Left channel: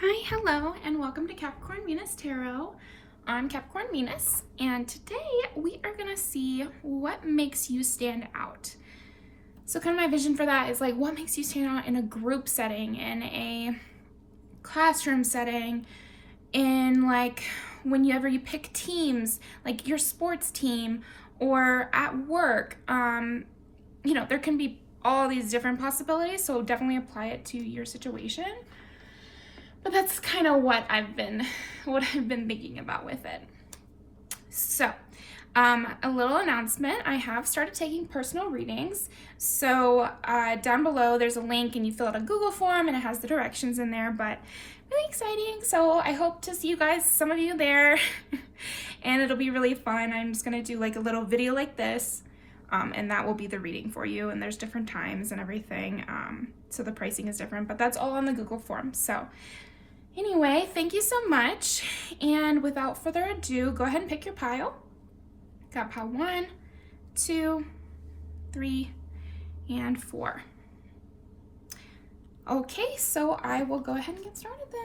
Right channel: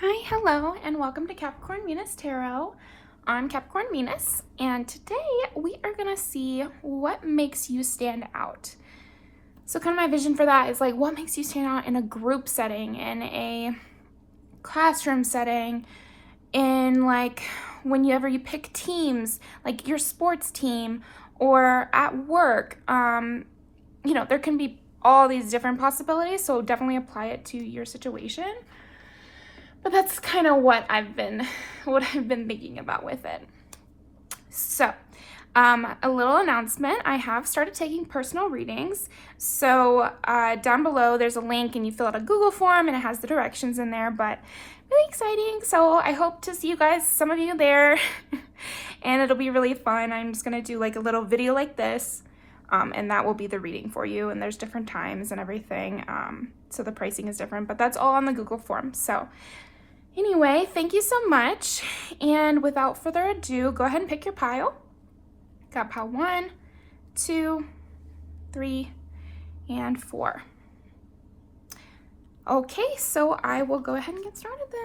Hi, hello, and welcome to Capricorn Venus Tarot. I'm Capricorn Venus, and today we are going to see what makes you stand out. So kind of my vision for that is like what makes you stand out in a group setting, in a classroom setting, in like whenever you pick teams, like your sports team, or at work. There can be all these different possibilities, so definitely apply it to your situation. But that's kind of what I've been thinking about with it. So, a little announcement. I have started taking personal readings. So down below there's a link and you fill out a Google form and it has the directions in there, but really exciting. So I hope to see you guys, some of you there, and it'll be really fun. I'm just gonna do like a little video like this, and that will be the reading for you. And there's different times and everything. So the pricing is different, but that's all on the Google form. So anyway, thank you so much. And without further ado, go ahead and pick your pile. Got pile 1, 2, 3, and 4. Okay, so I will go ahead and get started then.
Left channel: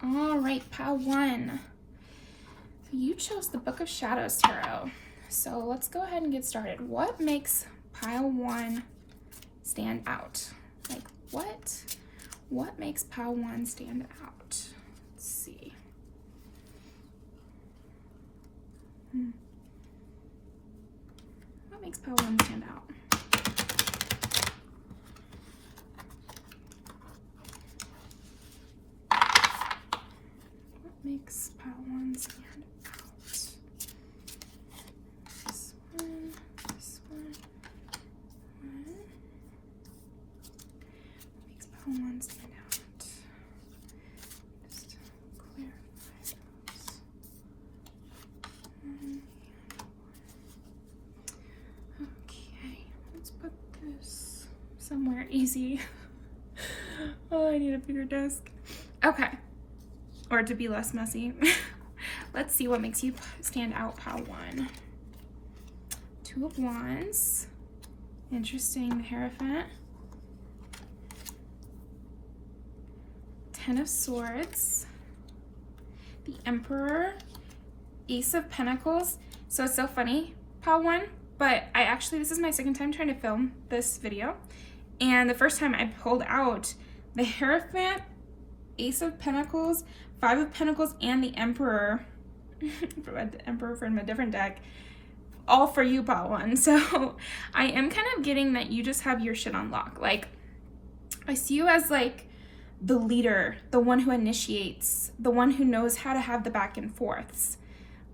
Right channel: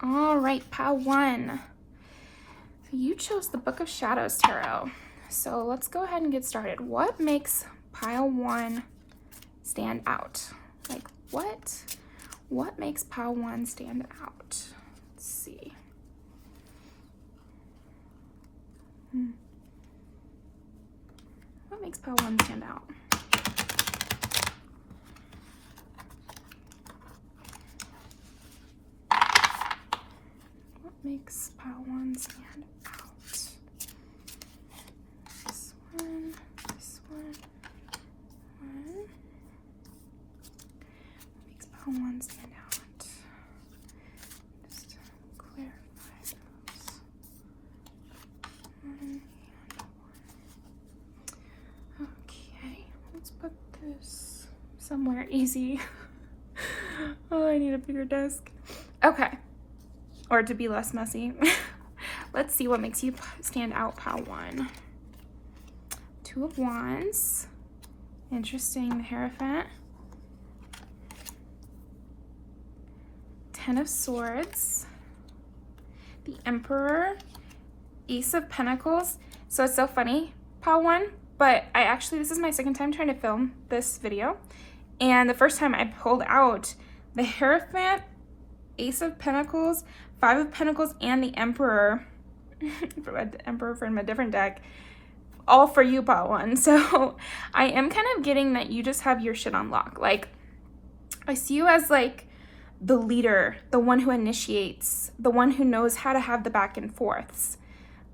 All right, pile 1. You chose the Book of Shadows Tarot. So let's go ahead and get started. What makes pile 1 stand out? Like what makes pile 1 stand out? Let's see. What makes pile 1 stand out? Makes pile 1 stand out. This one. Makes pile 1 stand out. Just clarify those. 1 and 1. Okay, let's put this somewhere easy. Oh, I need a bigger desk. Okay. Or to be less messy. Let's see what makes you stand out, pile 1. 2 of Wands. Interesting, the Hierophant. 10 of Swords. The Emperor. Ace of Pentacles. So it's so funny, pile 1, but this is my second time trying to film this video. And the first time I pulled out the Hierophant, Ace of Pentacles, 5 of Pentacles, and the Emperor, from a different deck, all for you, pile 1. So I am kind of getting that you just have your shit on lock. Like, I see you as like the leader, the one who initiates, the one who knows how to have the back and forths.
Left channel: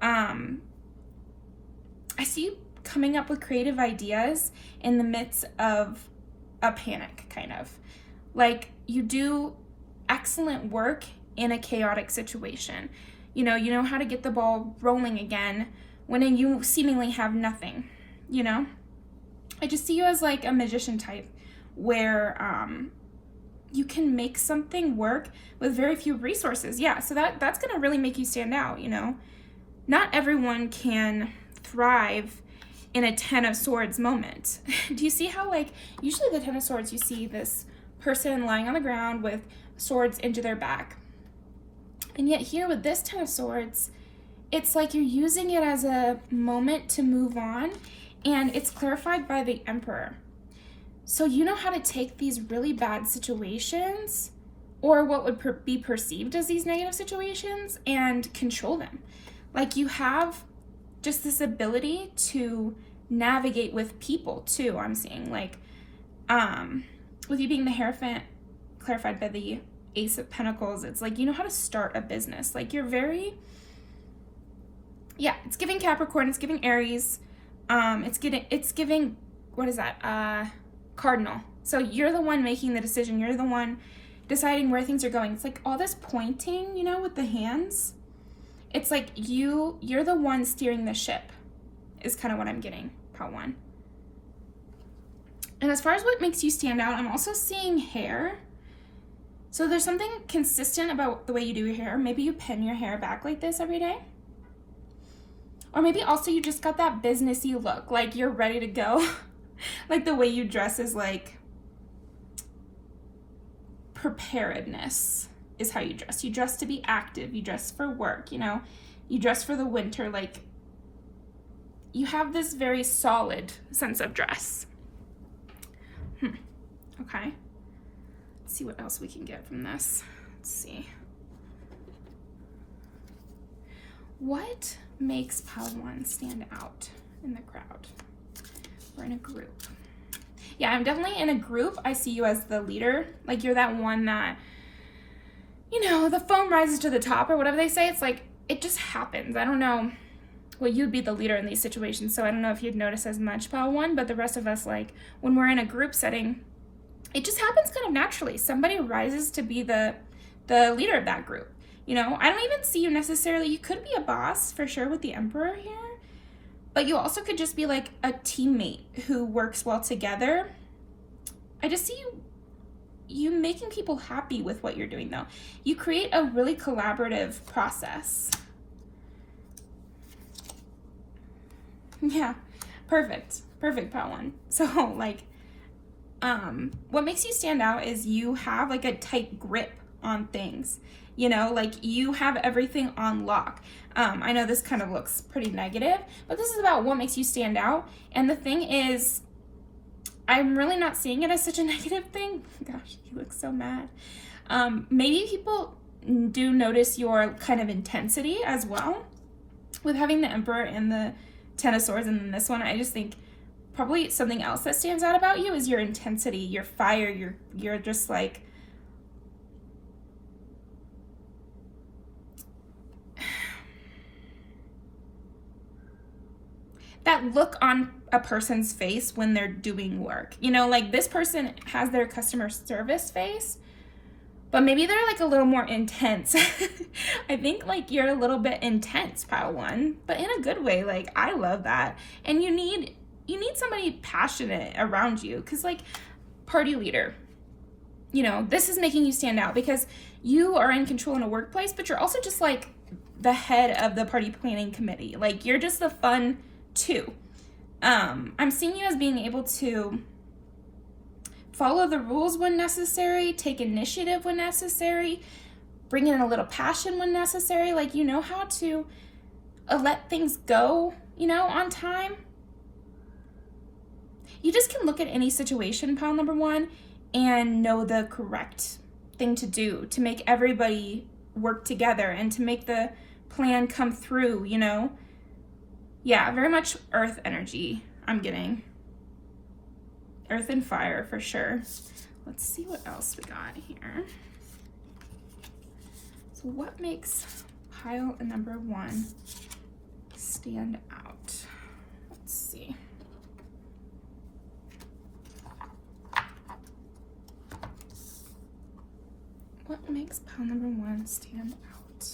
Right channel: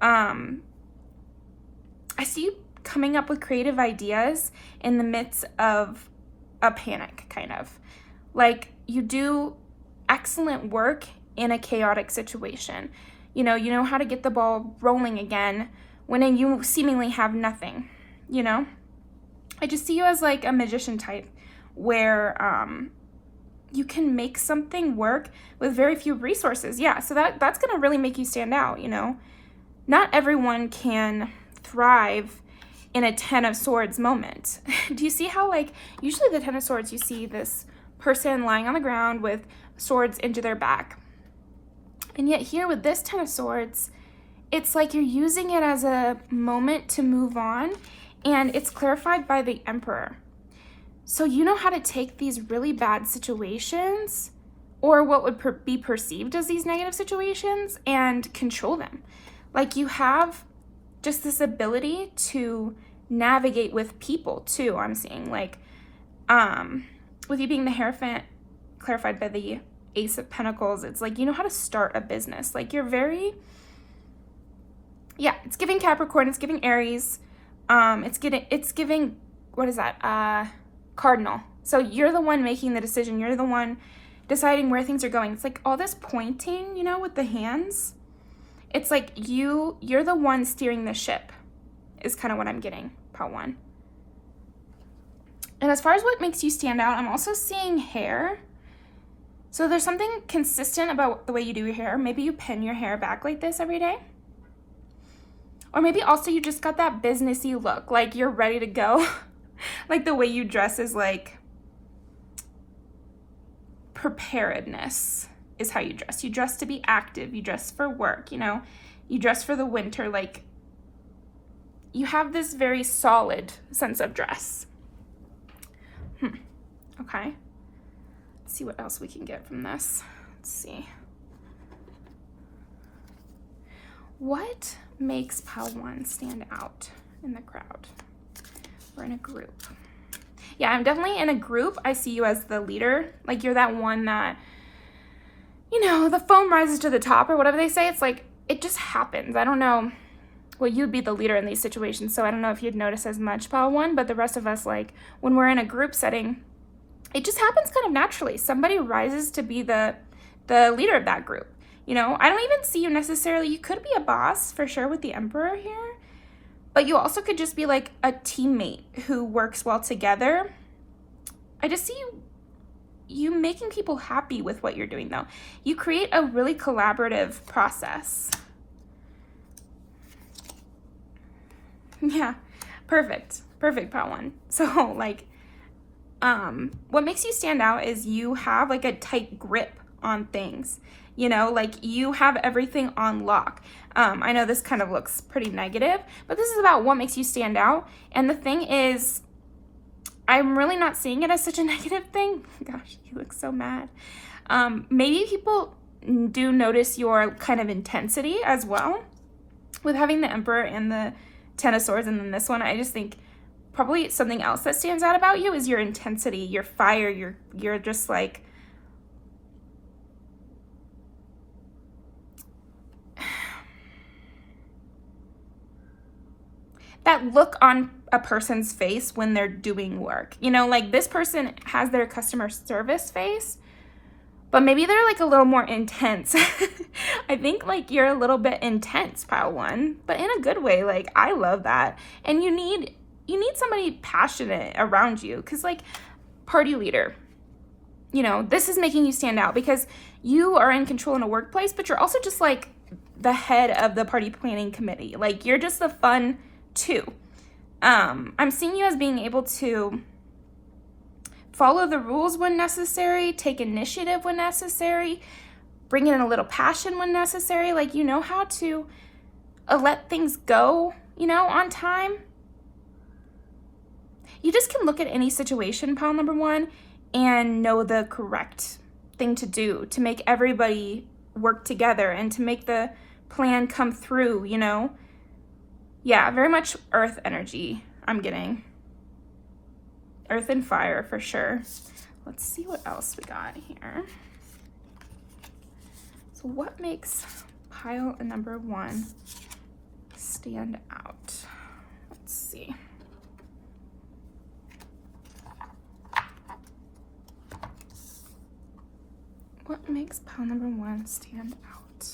I see you coming up with creative ideas in the midst of a panic, kind of. Like, you do excellent work in a chaotic situation. You know how to get the ball rolling again when you seemingly have nothing, I just see you as like a magician type where you can make something work with very few resources. Yeah, so that's gonna really make you stand out, Not everyone can thrive in a 10 of Swords moment. Do you see how, like, usually the 10 of Swords, you see this person lying on the ground with swords into their back. And yet here with this 10 of Swords, it's like you're using it as a moment to move on, and it's clarified by the Emperor. So you know how to take these really bad situations, or what would be perceived as these negative situations, and control them. Like, you have just this ability to navigate with people too, I'm seeing. Like, with you being the Hierophant, clarified by the Ace of Pentacles, it's like you know how to start a business. Like, you're very, it's giving Capricorn, it's giving Aries, it's giving, what is that, Cardinal. So you're the one making the decision, you're the one deciding where things are going. It's like all this pointing, with the hands. It's like you're the one steering the ship, is kind of what I'm getting, pile 1. And as far as what makes you stand out, I'm also seeing hair. So there's something consistent about the way you do your hair. Maybe you pin your hair back like this every day. Or maybe also you just got that businessy look, like you're ready to go. Like the way you dress is like preparedness is how you dress. You dress to be active, you dress for work, you know, you dress for the winter, like you have this very solid sense of dress. Okay. Let's see what else we can get from this. Let's see. What makes Pile 1 stand out in the crowd or in a group? Yeah, I'm definitely in a group. I see you as the leader. Like you're that one that, you know, the foam rises to the top or whatever they say. It's like, it just happens. I don't know. Well, you'd be the leader in these situations, so I don't know if you'd notice as much, Pile 1, but the rest of us, like when we're in a group setting, it just happens kind of naturally. Somebody rises to be the leader of that group. You know, I don't even see you necessarily, you could be a boss for sure with the Emperor here, but you also could just be like a teammate who works well together. I just see you making people happy with what you're doing though. You create a really collaborative process. Yeah, perfect, Pile 1. So like, what makes you stand out is you have like a tight grip on things. You know, like you have everything on lock. I know this kind of looks pretty negative, but this is about what makes you stand out. And the thing is, I'm really not seeing it as such a negative thing. Gosh, you look so mad. Maybe people do notice your kind of intensity as well. With having the Emperor and the Ten of Swords and then this one, I just think probably something else that stands out about you is your intensity, your fire, you're just like, that look on a person's face when they're doing work. You know, like this person has their customer service face, but maybe they're like a little more intense. I think like you're a little bit intense, Pile 1, but in a good way. Like I love that. And you need somebody passionate around you, because like party leader, you know, this is making you stand out because you are in control in a workplace, but you're also just like the head of the party planning committee. Like you're just the fun too. I'm seeing you as being able to follow the rules when necessary, take initiative when necessary, bring in a little passion when necessary. Like you know how to let things go, you know, on time. You just can look at any situation, Pile 1, and know the correct thing to do to make everybody work together and to make the plan come through, you know? Yeah, very much earth energy I'm getting. Earth and fire for sure. Let's see what else we got here. So what makes Pile 1 stand out? Let's see. What makes Pile 1 stand out?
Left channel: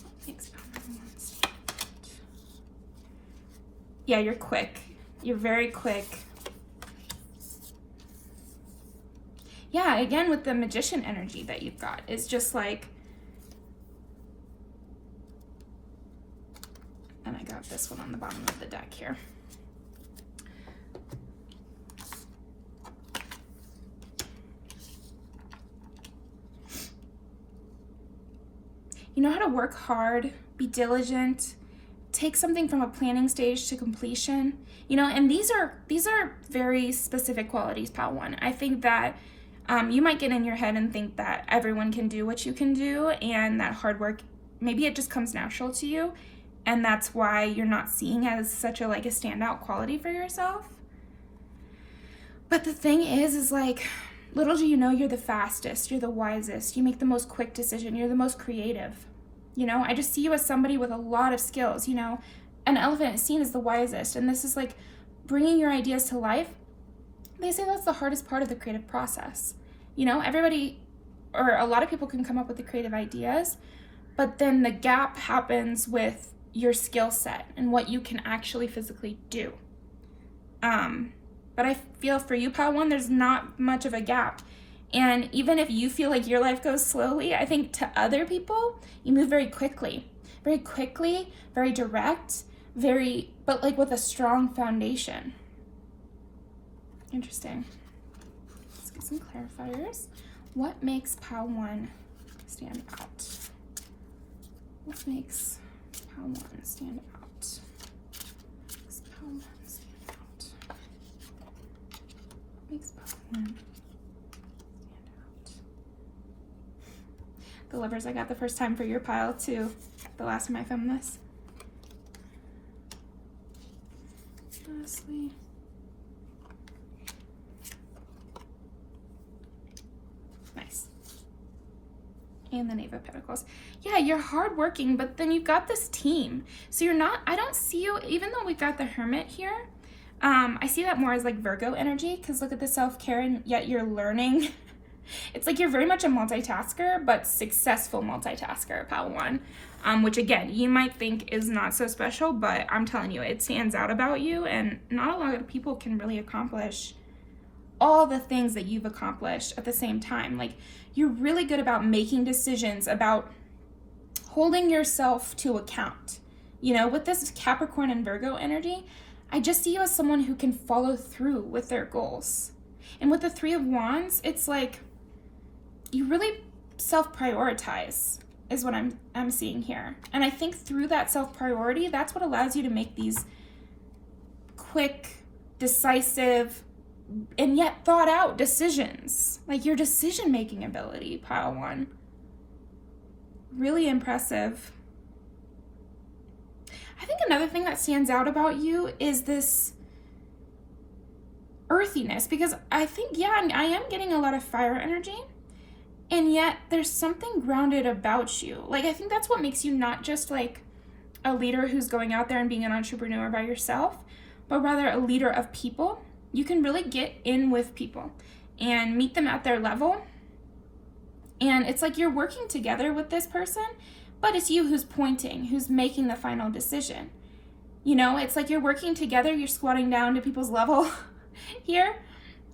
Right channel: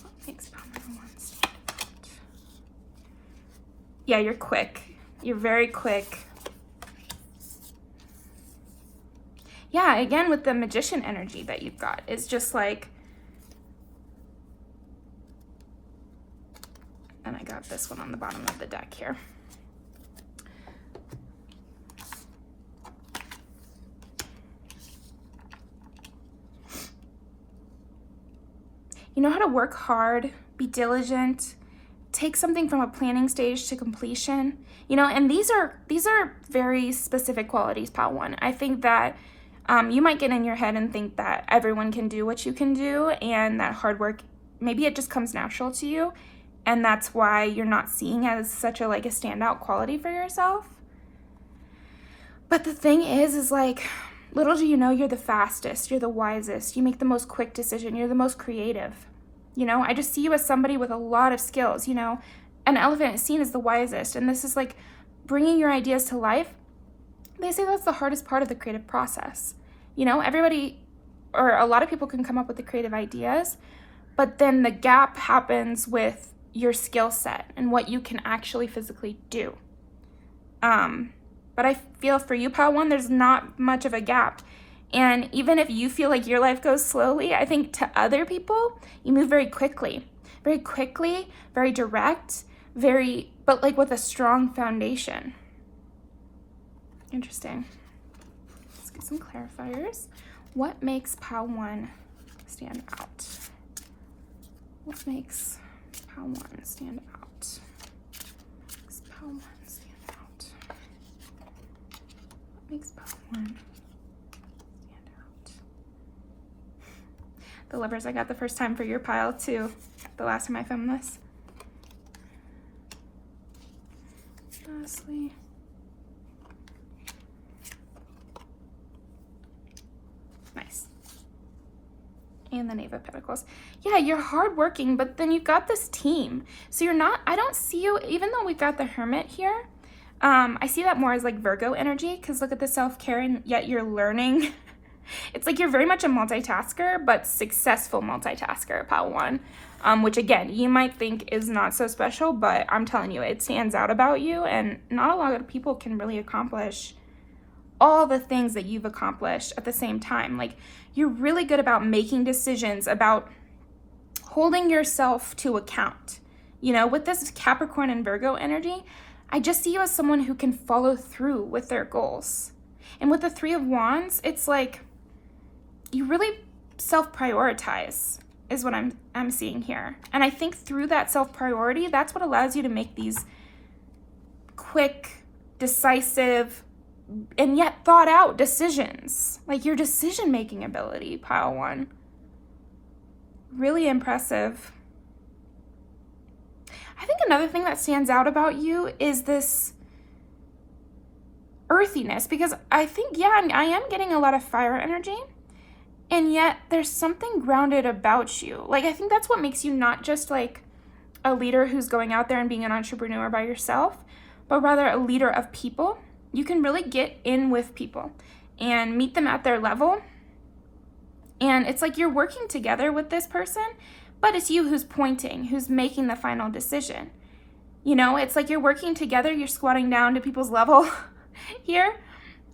What makes Pile 1 stand out? Yeah, you're quick. You're very quick. Yeah, again, with the magician energy that you've got, it's just like, and I got this one on the bottom of the deck here. You know how to work hard, be diligent, take something from a planning stage to completion, you know, and these are very specific qualities, Pile 1. I think that you might get in your head and think that everyone can do what you can do and that hard work, maybe it just comes natural to you, and that's why you're not seeing it as such a like a standout quality for yourself. But the thing is like, little do you know, you're the fastest, you're the wisest, you make the most quick decision, you're the most creative. You know, I just see you as somebody with a lot of skills. You know, an elephant is seen as the wisest, and this is like bringing your ideas to life. They say that's the hardest part of the creative process. You know, everybody, or a lot of people can come up with the creative ideas, but then the gap happens with your skill set and what you can actually physically do. But I feel for you, Pile 1, there's not much of a gap. And even if you feel like your life goes slowly, I think to other people, you move very quickly, very direct, but like with a strong foundation. Interesting. Let's get some clarifiers. What makes Pile 1 stand out? What makes Pile 1 stand out? Makes Pile 1 stand out? What makes Pile 1 stand out? The Lovers I got the first time for your pile too, the last time I filmed this. Lastly. Nice. And the Knave of Pentacles. Yeah, you're hardworking, but then you've got this team. So you're not, I don't see you, even though we've got the Hermit here, I see that more as like Virgo energy, because look at the self-care, and yet you're learning. It's like you're very much a multitasker, but successful multitasker, Pile 1. Which again, you might think is not so special, but I'm telling you, it stands out about you, and not a lot of people can really accomplish all the things that you've accomplished at the same time. Like, you're really good about making decisions, about holding yourself to account. You know, with this Capricorn and Virgo energy, I just see you as someone who can follow through with their goals. And with the Three of Wands, it's like you really self-prioritize is what I'm seeing here. And I think through that self-priority, that's what allows you to make these quick, decisive, and yet thought out decisions. Like your decision-making ability, Pile 1. Really impressive. I think another thing that stands out about you is this earthiness, because I think, yeah, I am getting a lot of fire energy, and yet there's something grounded about you. Like, I think that's what makes you not just like a leader who's going out there and being an entrepreneur by yourself, but rather a leader of people. You can really get in with people and meet them at their level. And it's like you're working together with this person, but it's you who's pointing, who's making the final decision. You know, it's like you're working together, you're squatting down to people's level here,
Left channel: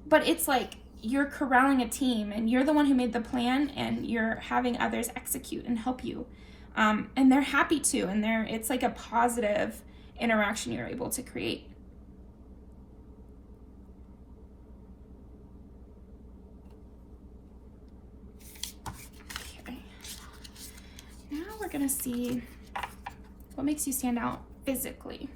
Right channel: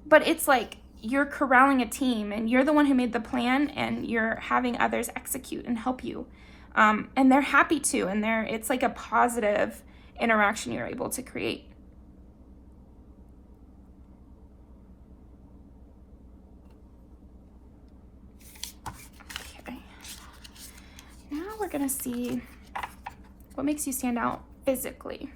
but it's like you're corralling a team, and you're the one who made the plan, and you're having others execute and help you. And they're happy to, and it's like a positive interaction you're able to create. Now we're gonna see what makes you stand out physically.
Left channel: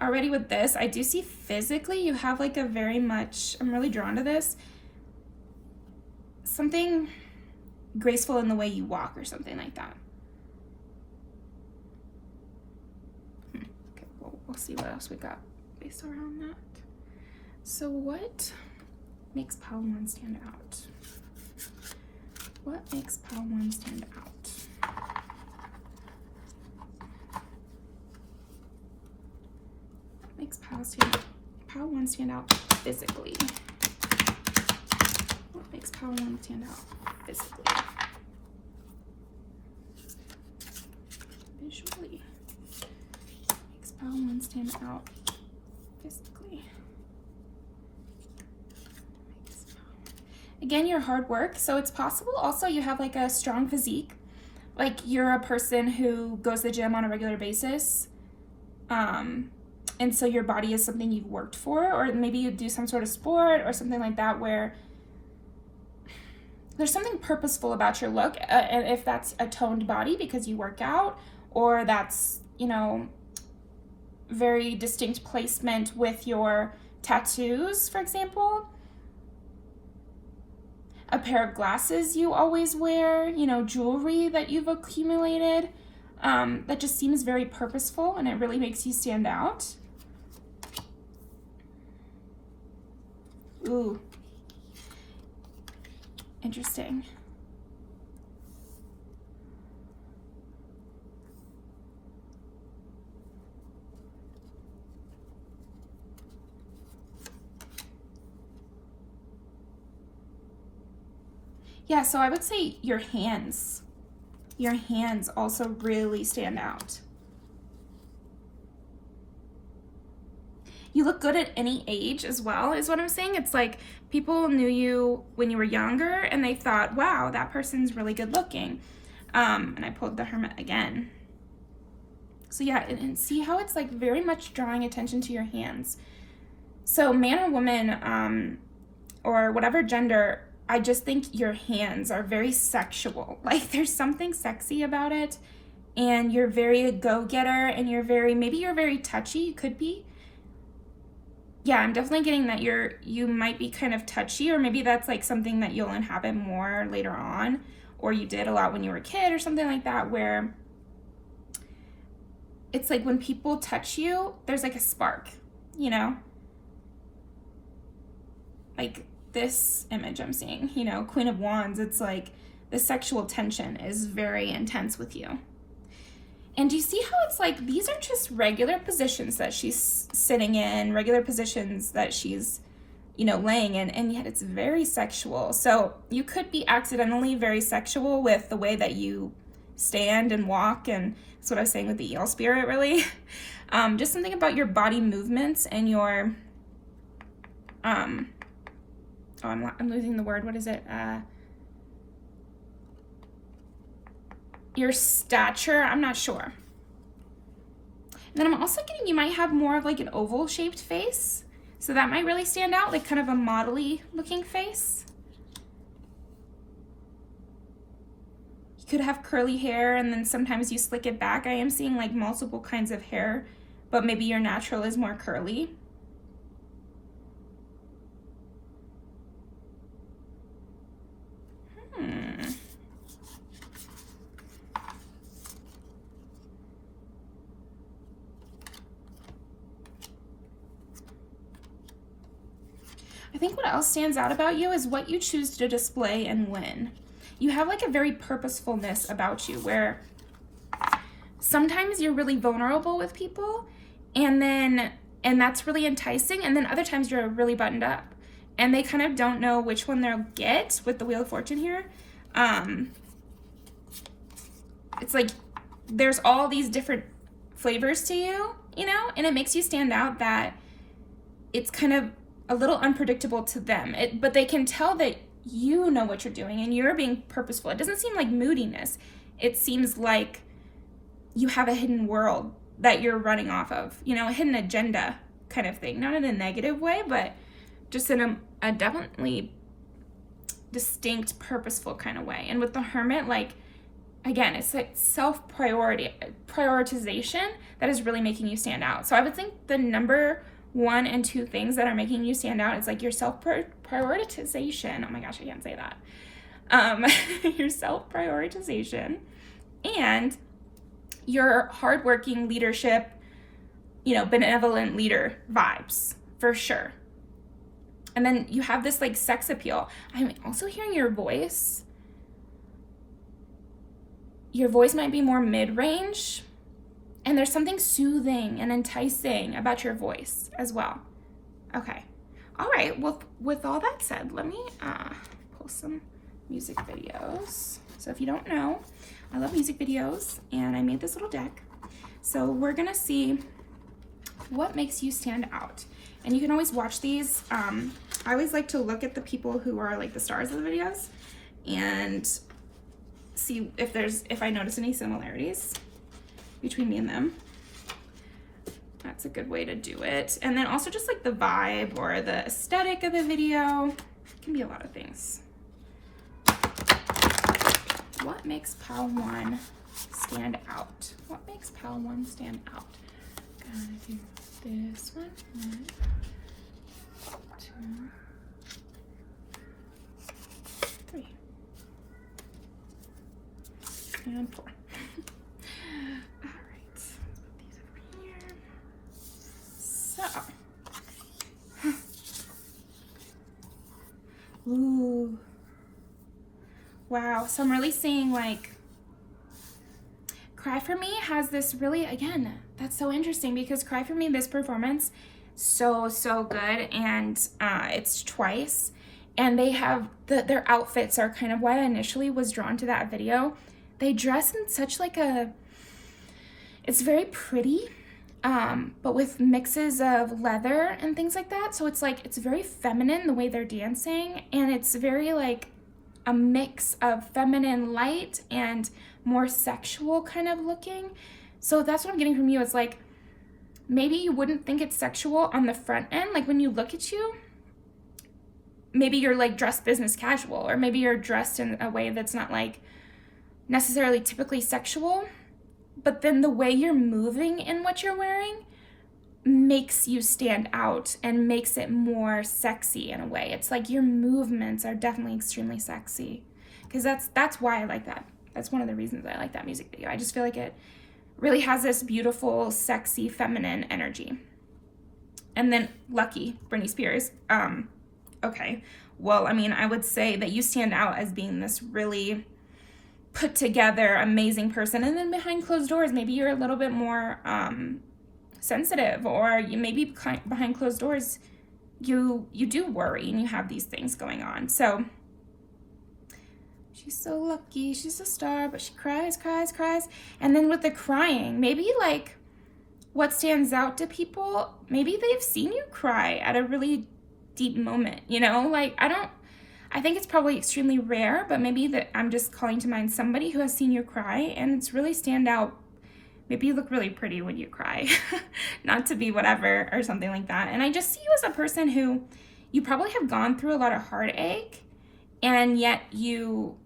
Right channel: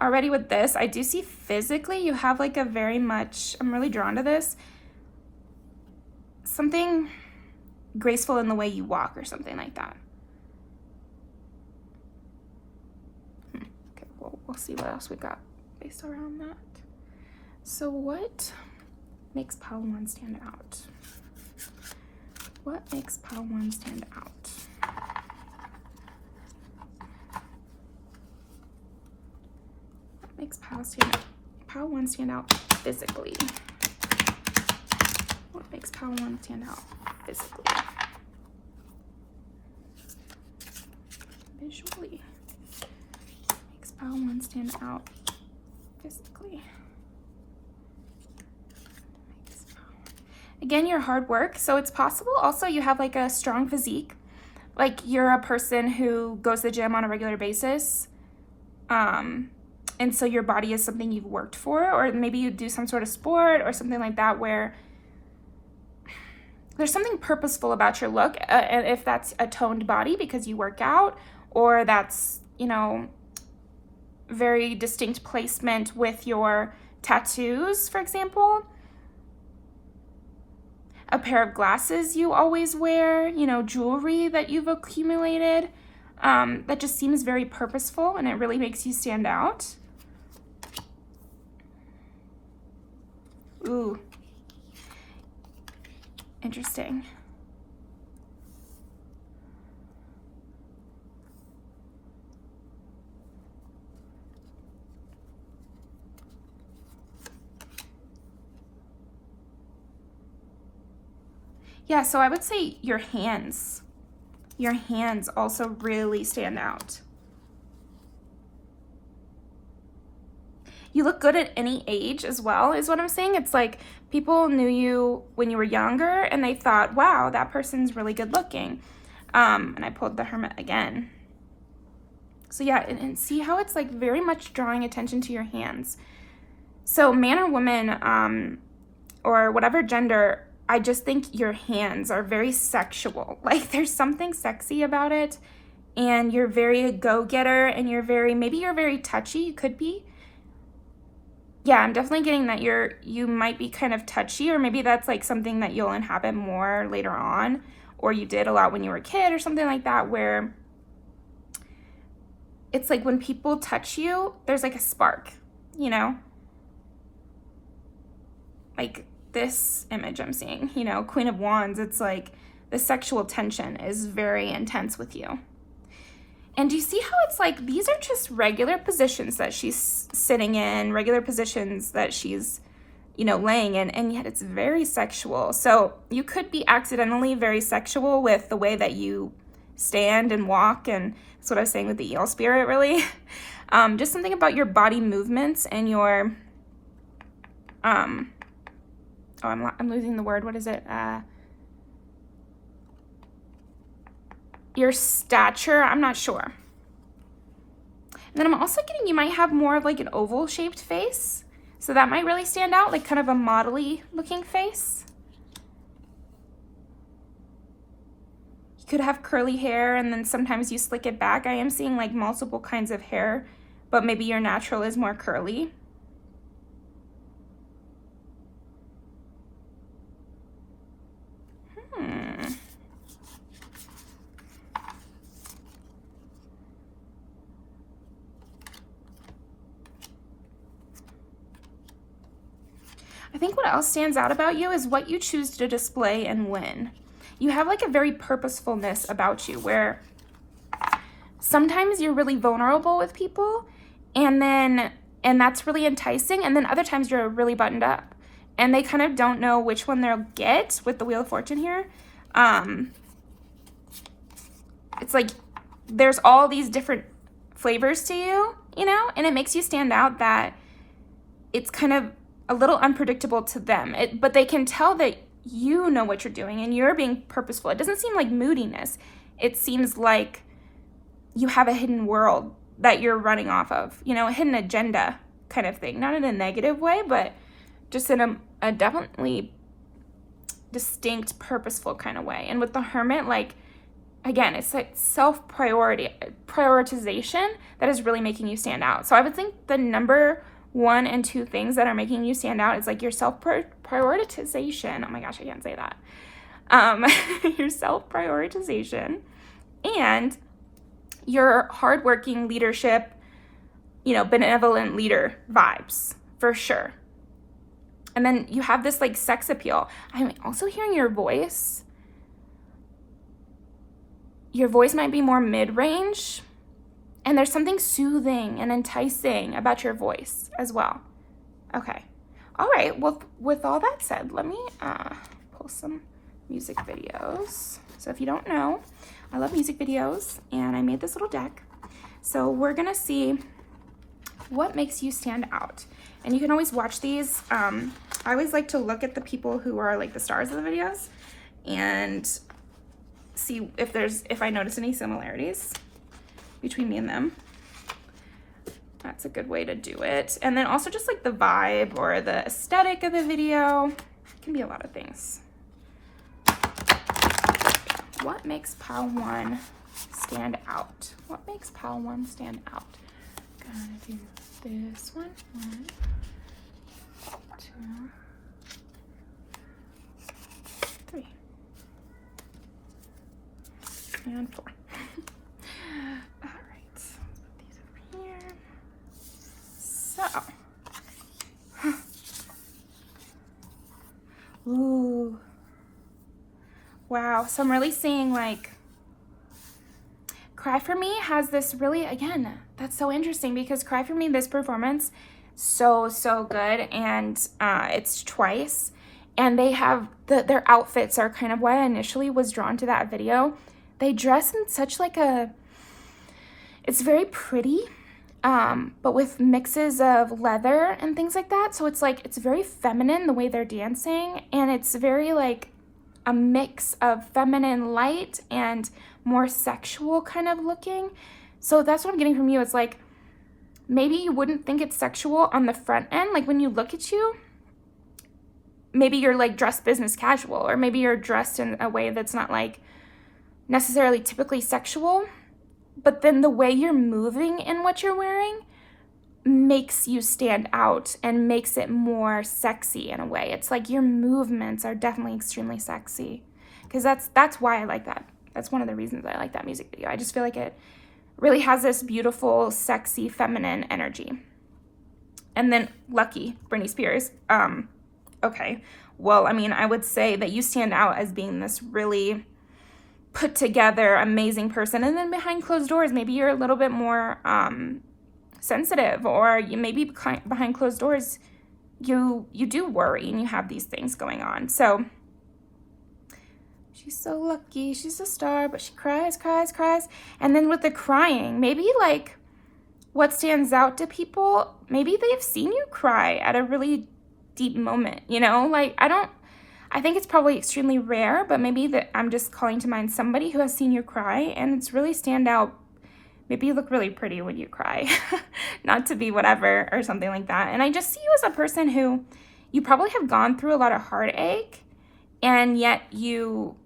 Already with this, I do see physically you have like a very much, I'm really drawn to this, something graceful in the way you walk or something like that. Okay, we'll see what else we got based around that. So what makes Pile 1 stand out? What makes Pile 1 stand out? What makes Pile 1 stand out physically? What makes Pile 1 stand out physically? Visually. What makes Pile 1 stand out physically? Again, your hard work. So it's possible also you have like a strong physique. Like you're a person who goes to the gym on a regular basis. And so your body is something you've worked for, or maybe you do some sort of sport or something like that where there's something purposeful about your look. And if that's a toned body because you work out, or that's, you know, very distinct placement with your tattoos, for example. A pair of glasses you always wear, you know, jewelry that you've accumulated, that just seems very purposeful, and it really makes you stand out. Ooh, interesting. Yeah, so I would say your hands also really stand out. you look good at any age as well, is what I'm saying. It's like people knew you when you were younger and they thought, wow, that person's really good looking. And I pulled the Hermit again. So yeah, and see how it's like very much drawing attention to your hands. So man or woman, or whatever gender, I just think your hands are very sexual. Like there's something sexy about it, and you're very a go-getter, and maybe you're very touchy. You could be. Yeah, I'm definitely getting that you might be kind of touchy, or maybe that's like something that you'll inhabit more later on, or you did a lot when you were a kid or something like that, where it's like when people touch you, there's like a spark, you know? Like this image I'm seeing, you know, Queen of Wands, it's like the sexual tension is very intense with you. And do you see how it's like these are just regular positions that she's sitting in, regular positions that she's, you know, laying in, and yet it's very sexual. So you could be accidentally very sexual with the way that you stand and walk, and that's what I was saying with the eel spirit, really. Just something about your body movements and your, I'm losing the word, what is it? Your stature, I'm not sure. And then I'm also getting you might have more of like an oval shaped face. So that might really stand out, like kind of a modelly looking face. You could have curly hair and then sometimes you slick it back. I am seeing like multiple kinds of hair, but maybe your natural is more curly. I think what else stands out about you is what you choose to display and when. You have like a very purposefulness about you where sometimes you're really vulnerable with people and that's really enticing, and then other times you're really buttoned up and they kind of don't know which one they'll get with the Wheel of Fortune here. It's like there's all these different flavors to you, you know, and it makes you stand out that it's kind of a little unpredictable to them, but they can tell that you know what you're doing and you're being purposeful. It doesn't seem like moodiness. It seems like you have a hidden world that you're running off of, you know, a hidden agenda kind of thing. Not in a negative way, but just in a definitely distinct, purposeful kind of way. And with the Hermit, like, again, it's like prioritization that is really making you stand out. So I would think the number 1 and 2 things that are making you stand out is like your self-prioritization. Oh my gosh, I can't say that. Your self-prioritization and your hardworking leadership, you know, benevolent leader vibes for sure. And then you have this like sex appeal. I'm also hearing your voice. Your voice might be more mid-range. And there's something soothing and enticing about your voice as well. Okay. All right. Well, with all that said, let me pull some music videos. So if you don't know, I love music videos, and I made this little deck. So we're going to see what makes you stand out. And you can always watch these. I always like to look at the people who are like the stars of the videos and see if I notice any similarities between me and them. That's a good way to do it. And then also just like the vibe or the aesthetic of the video. It can be a lot of things. What makes pile 1 stand out? What makes pile 1 stand out? Gotta do this one. 1, 2, 3. And 4. Ooh. Wow. So I'm really seeing like Cry For Me has this really, again, that's so interesting because Cry For Me, this performance, so good. And it's twice. And they have, their outfits are kind of why I initially was drawn to that video. They dress in such like it's very pretty. but with mixes of leather and things like that. So it's like, it's very feminine the way they're dancing, and it's very like a mix of feminine light and more sexual kind of looking. So that's what I'm getting from you. It's like, maybe you wouldn't think it's sexual on the front end. Like when you look at you, maybe you're like dressed business casual, or maybe you're dressed in a way that's not like necessarily typically sexual, but then the way you're moving in what you're wearing makes you stand out and makes it more sexy in a way. It's like your movements are definitely extremely sexy, because that's why I like that. That's one of the reasons I like that music video. I just feel like it really has this beautiful, sexy, feminine energy. And then Lucky, Britney Spears. Okay, well, I mean, I would say that you stand out as being this really put together, amazing person. And then behind closed doors, maybe you're a little bit more sensitive, or you maybe behind closed doors, you do worry and you have these things going on. So she's so lucky, she's a star, but she cries. And then with the crying, maybe like what stands out to people, maybe they've seen you cry at a really deep moment, you know? Like, I think it's probably extremely rare, but maybe that I'm just calling to mind somebody who has seen you cry, and it's really stand out. Maybe you look really pretty when you cry, not to be whatever or something like that. And I just see you as a person who, you probably have gone through a lot of heartache, and yet you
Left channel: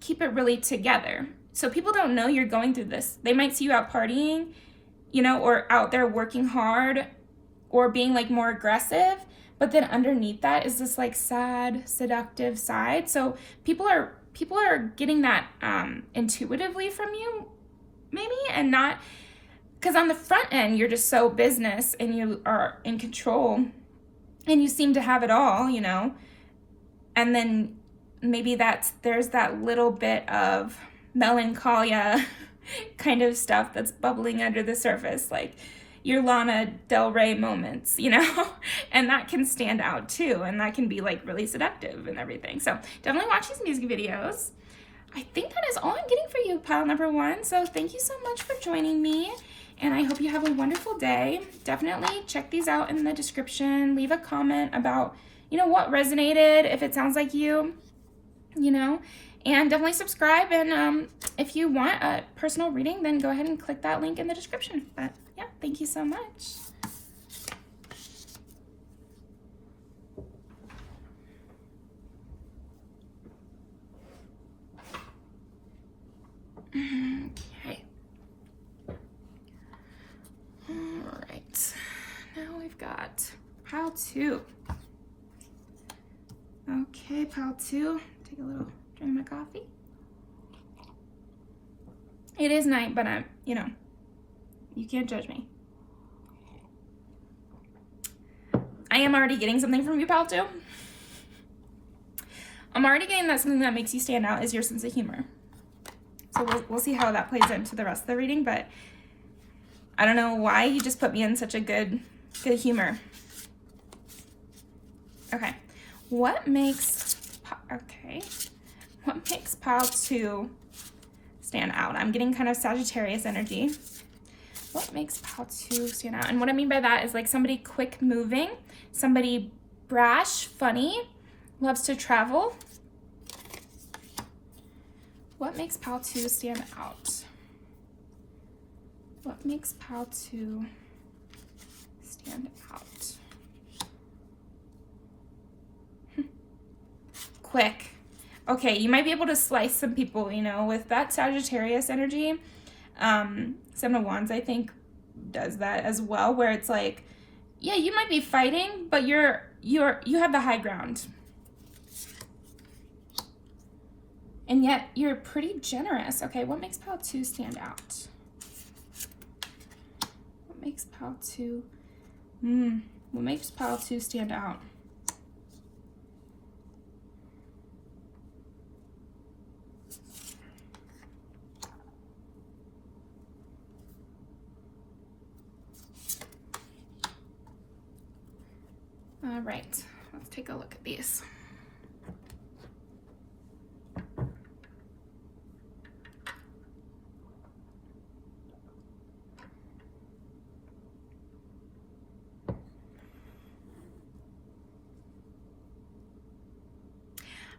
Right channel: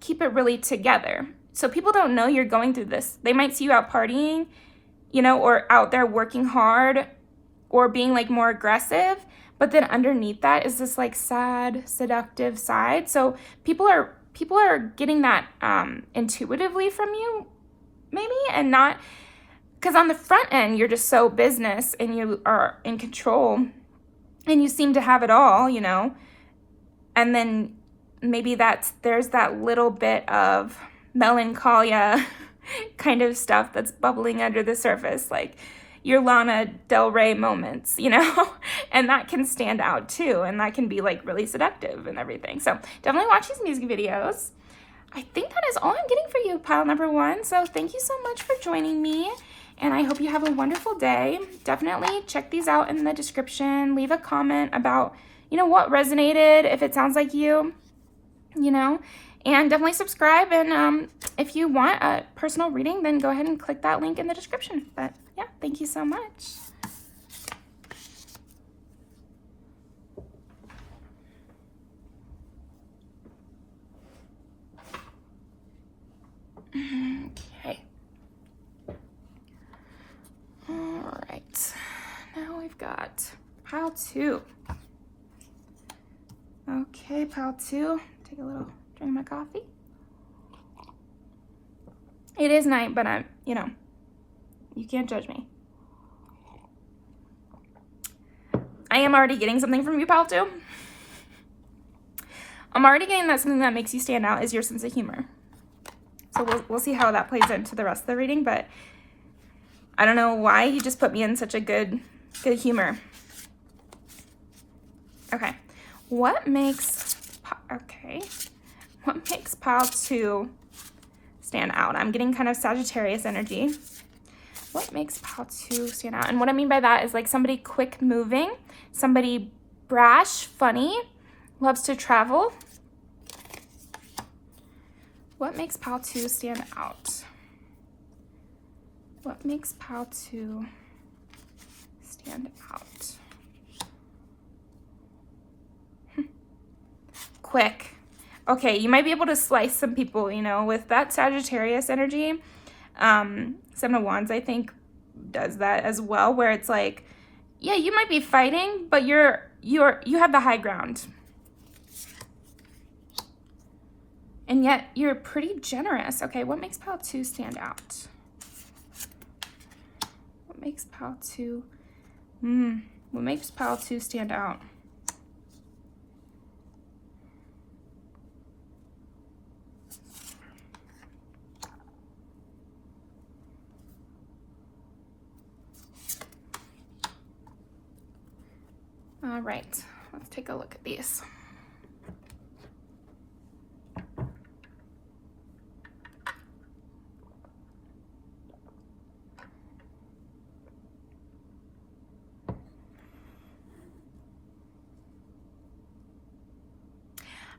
keep it really together. So people don't know you're going through this. They might see you out partying, you know, or out there working hard or being like more aggressive, but then underneath that is this like sad, seductive side. So people are getting that intuitively from you, maybe, and not, because on the front end you're just so business and you are in control and you seem to have it all, you know. And then maybe there's that little bit of melancholia kind of stuff that's bubbling under the surface, like your Lana Del Rey moments, you know, and that can stand out too, and that can be like really seductive and everything. So definitely watch these music videos. I think that is all I'm getting for you, pile number one. So thank you so much for joining me, and I hope you have a wonderful day. Definitely check these out in the description. Leave a comment about, you know, what resonated, if it sounds like you know, and definitely subscribe. And if you want a personal reading, then go ahead and click that link in the description. But yeah, thank you so much. Okay. All right. Now we've got pile two. Okay, pile two. Take a little drink of my coffee. It is night, but I'm, you know, you can't judge me. I am already getting something from you, pal, too. I'm already getting that something that makes you stand out is your sense of humor. So we'll see how that plays into the rest of the reading, but I don't know why you just put me in such a good humor. Okay. What makes pile two stand out? I'm getting kind of Sagittarius energy. What makes pile two stand out? And what I mean by that is like somebody quick moving, somebody brash, funny, loves to travel. What makes pile two stand out? What makes pile two stand out? Quick. Okay, you might be able to slice some people, you know, with that Sagittarius energy. Seven of Wands, I think, does that as well, where it's like, yeah, you might be fighting, but you have the high ground. And yet you're pretty generous. Okay, what makes pile two stand out? What makes pile two? What makes pile two stand out? All right, let's take a look at these.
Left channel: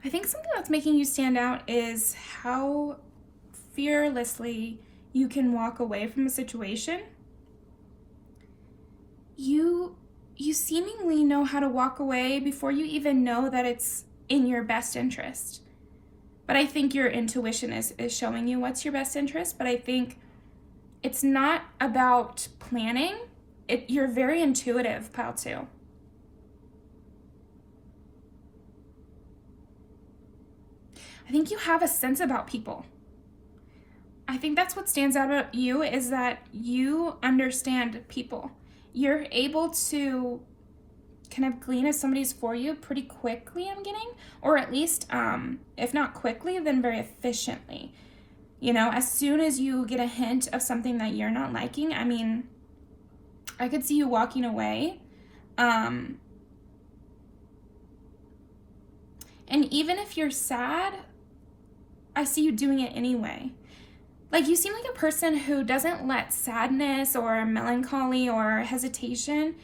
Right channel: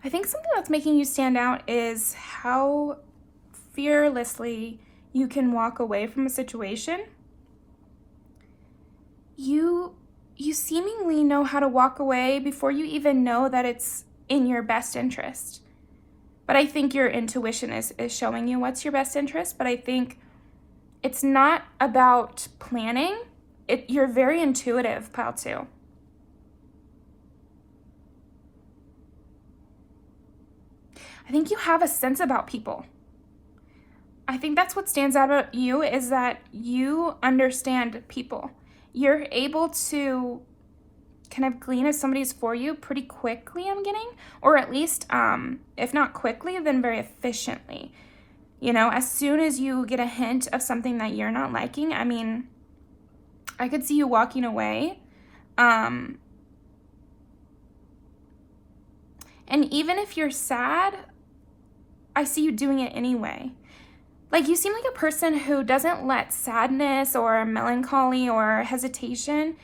I think something that's making you stand out is how fearlessly you can walk away from a situation. You seemingly know how to walk away before you even know that it's in your best interest. But I think your intuition is showing you what's your best interest. But I think it's not about planning. You're very intuitive, pile 2. I think you have a sense about people. I think that's what stands out about you, is that you understand people. You're able to kind of glean if somebody's for you pretty quickly, I'm getting, or at least, if not quickly, then very efficiently. You know, as soon as you get a hint of something that you're not liking, I mean, I could see you walking away. And even if you're sad, I see you doing it anyway. Like, you seem like a person who doesn't let sadness or melancholy or hesitation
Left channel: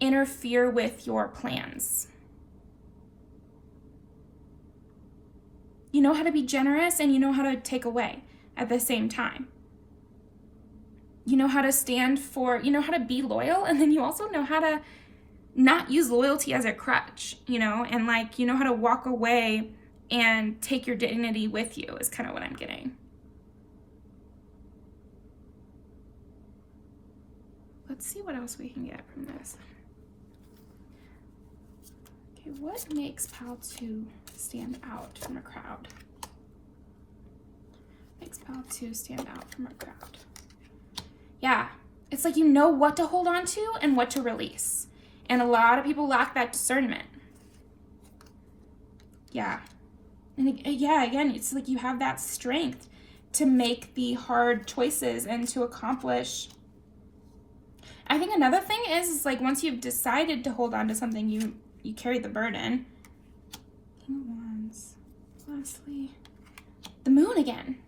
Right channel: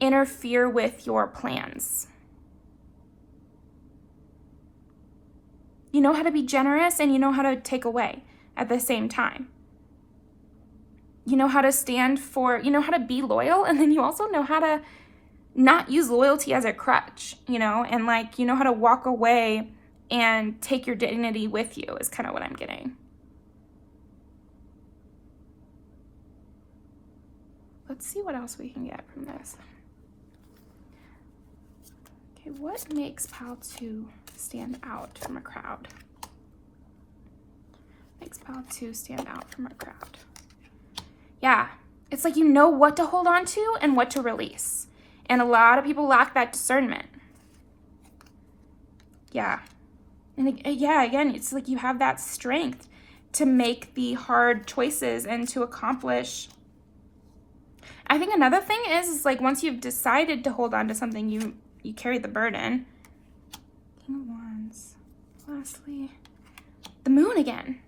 interfere with your plans. You know how to be generous and you know how to take away at the same time. You know how to stand for, you know how to be loyal, and then you also know how to not use loyalty as a crutch, you know, and like, you know how to walk away and take your dignity with you is kind of what I'm getting. Let's see what else we can get from this. Okay, what makes pile 2 stand out from a crowd? Makes pile 2 stand out from a crowd. Yeah, it's like you know what to hold on to and what to release. And a lot of people lack that discernment. Yeah. And yeah, again, it's like you have that strength to make the hard choices and to accomplish. I think another thing is like once you've decided to hold on to something, you carry the burden. King of Wands. Lastly, the Moon again.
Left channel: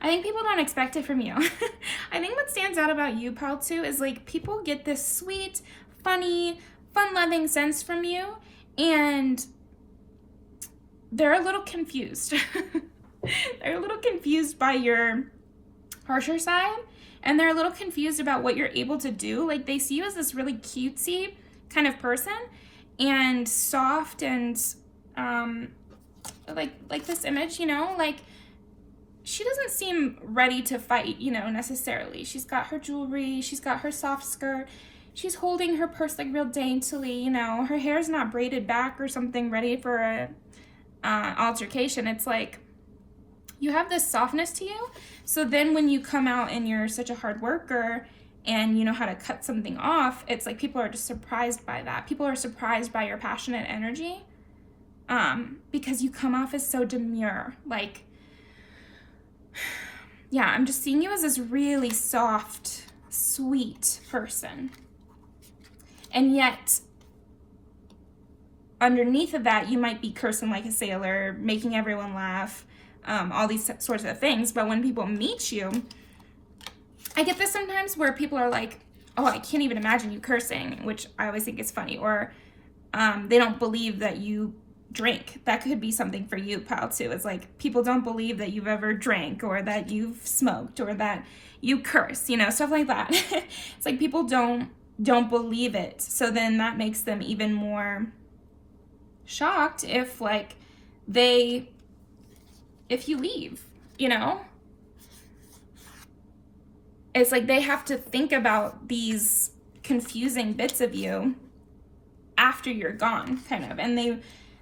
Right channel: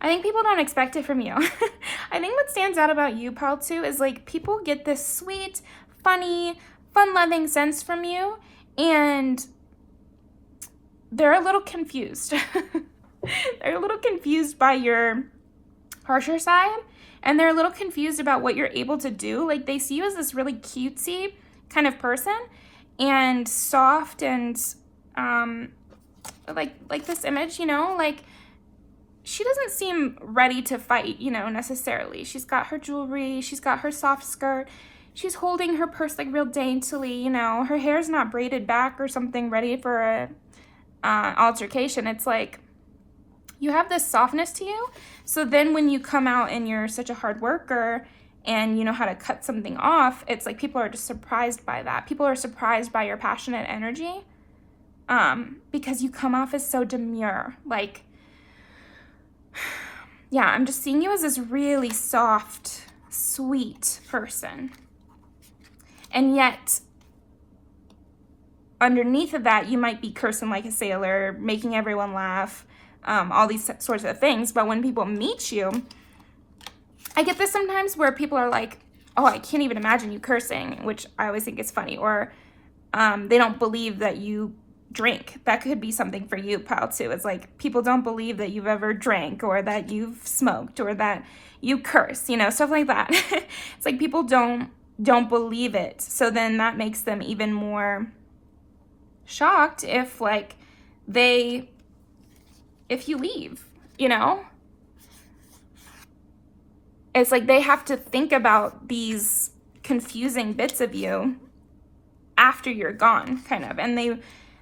I think people don't expect it from you. I think what stands out about you, pile 2, is like people get this sweet, funny, fun-loving sense from you, and they're a little confused. They're a little confused by your harsher side, and they're a little confused about what you're able to do. Like, they see you as this really cutesy kind of person, and soft, and like this image, you know, like she doesn't seem ready to fight, you know, necessarily. She's got her jewelry, she's got her soft skirt, she's holding her purse like real daintily, you know, her hair's not braided back or something ready for a altercation. It's like you have this softness to you. So then when you come out and you're such a hard worker and you know how to cut something off, it's like people are just surprised by that. People are surprised by your passionate energy because you come off as so demure. Like, yeah, I'm just seeing you as this really soft, sweet person. And yet, underneath of that, you might be cursing like a sailor, making everyone laugh, all these sorts of things. But when people meet you, I get this sometimes where people are like, oh, I can't even imagine you cursing, which I always think is funny. Or they don't believe that you drink. That could be something for you, pile 2. It's like people don't believe that you've ever drank or that you've smoked or that you curse, you know, stuff like that. It's like people don't believe it. So then that makes them even more shocked if like if you leave, you know. It's like they have to think about these confusing bits of you after you're gone, kind of, and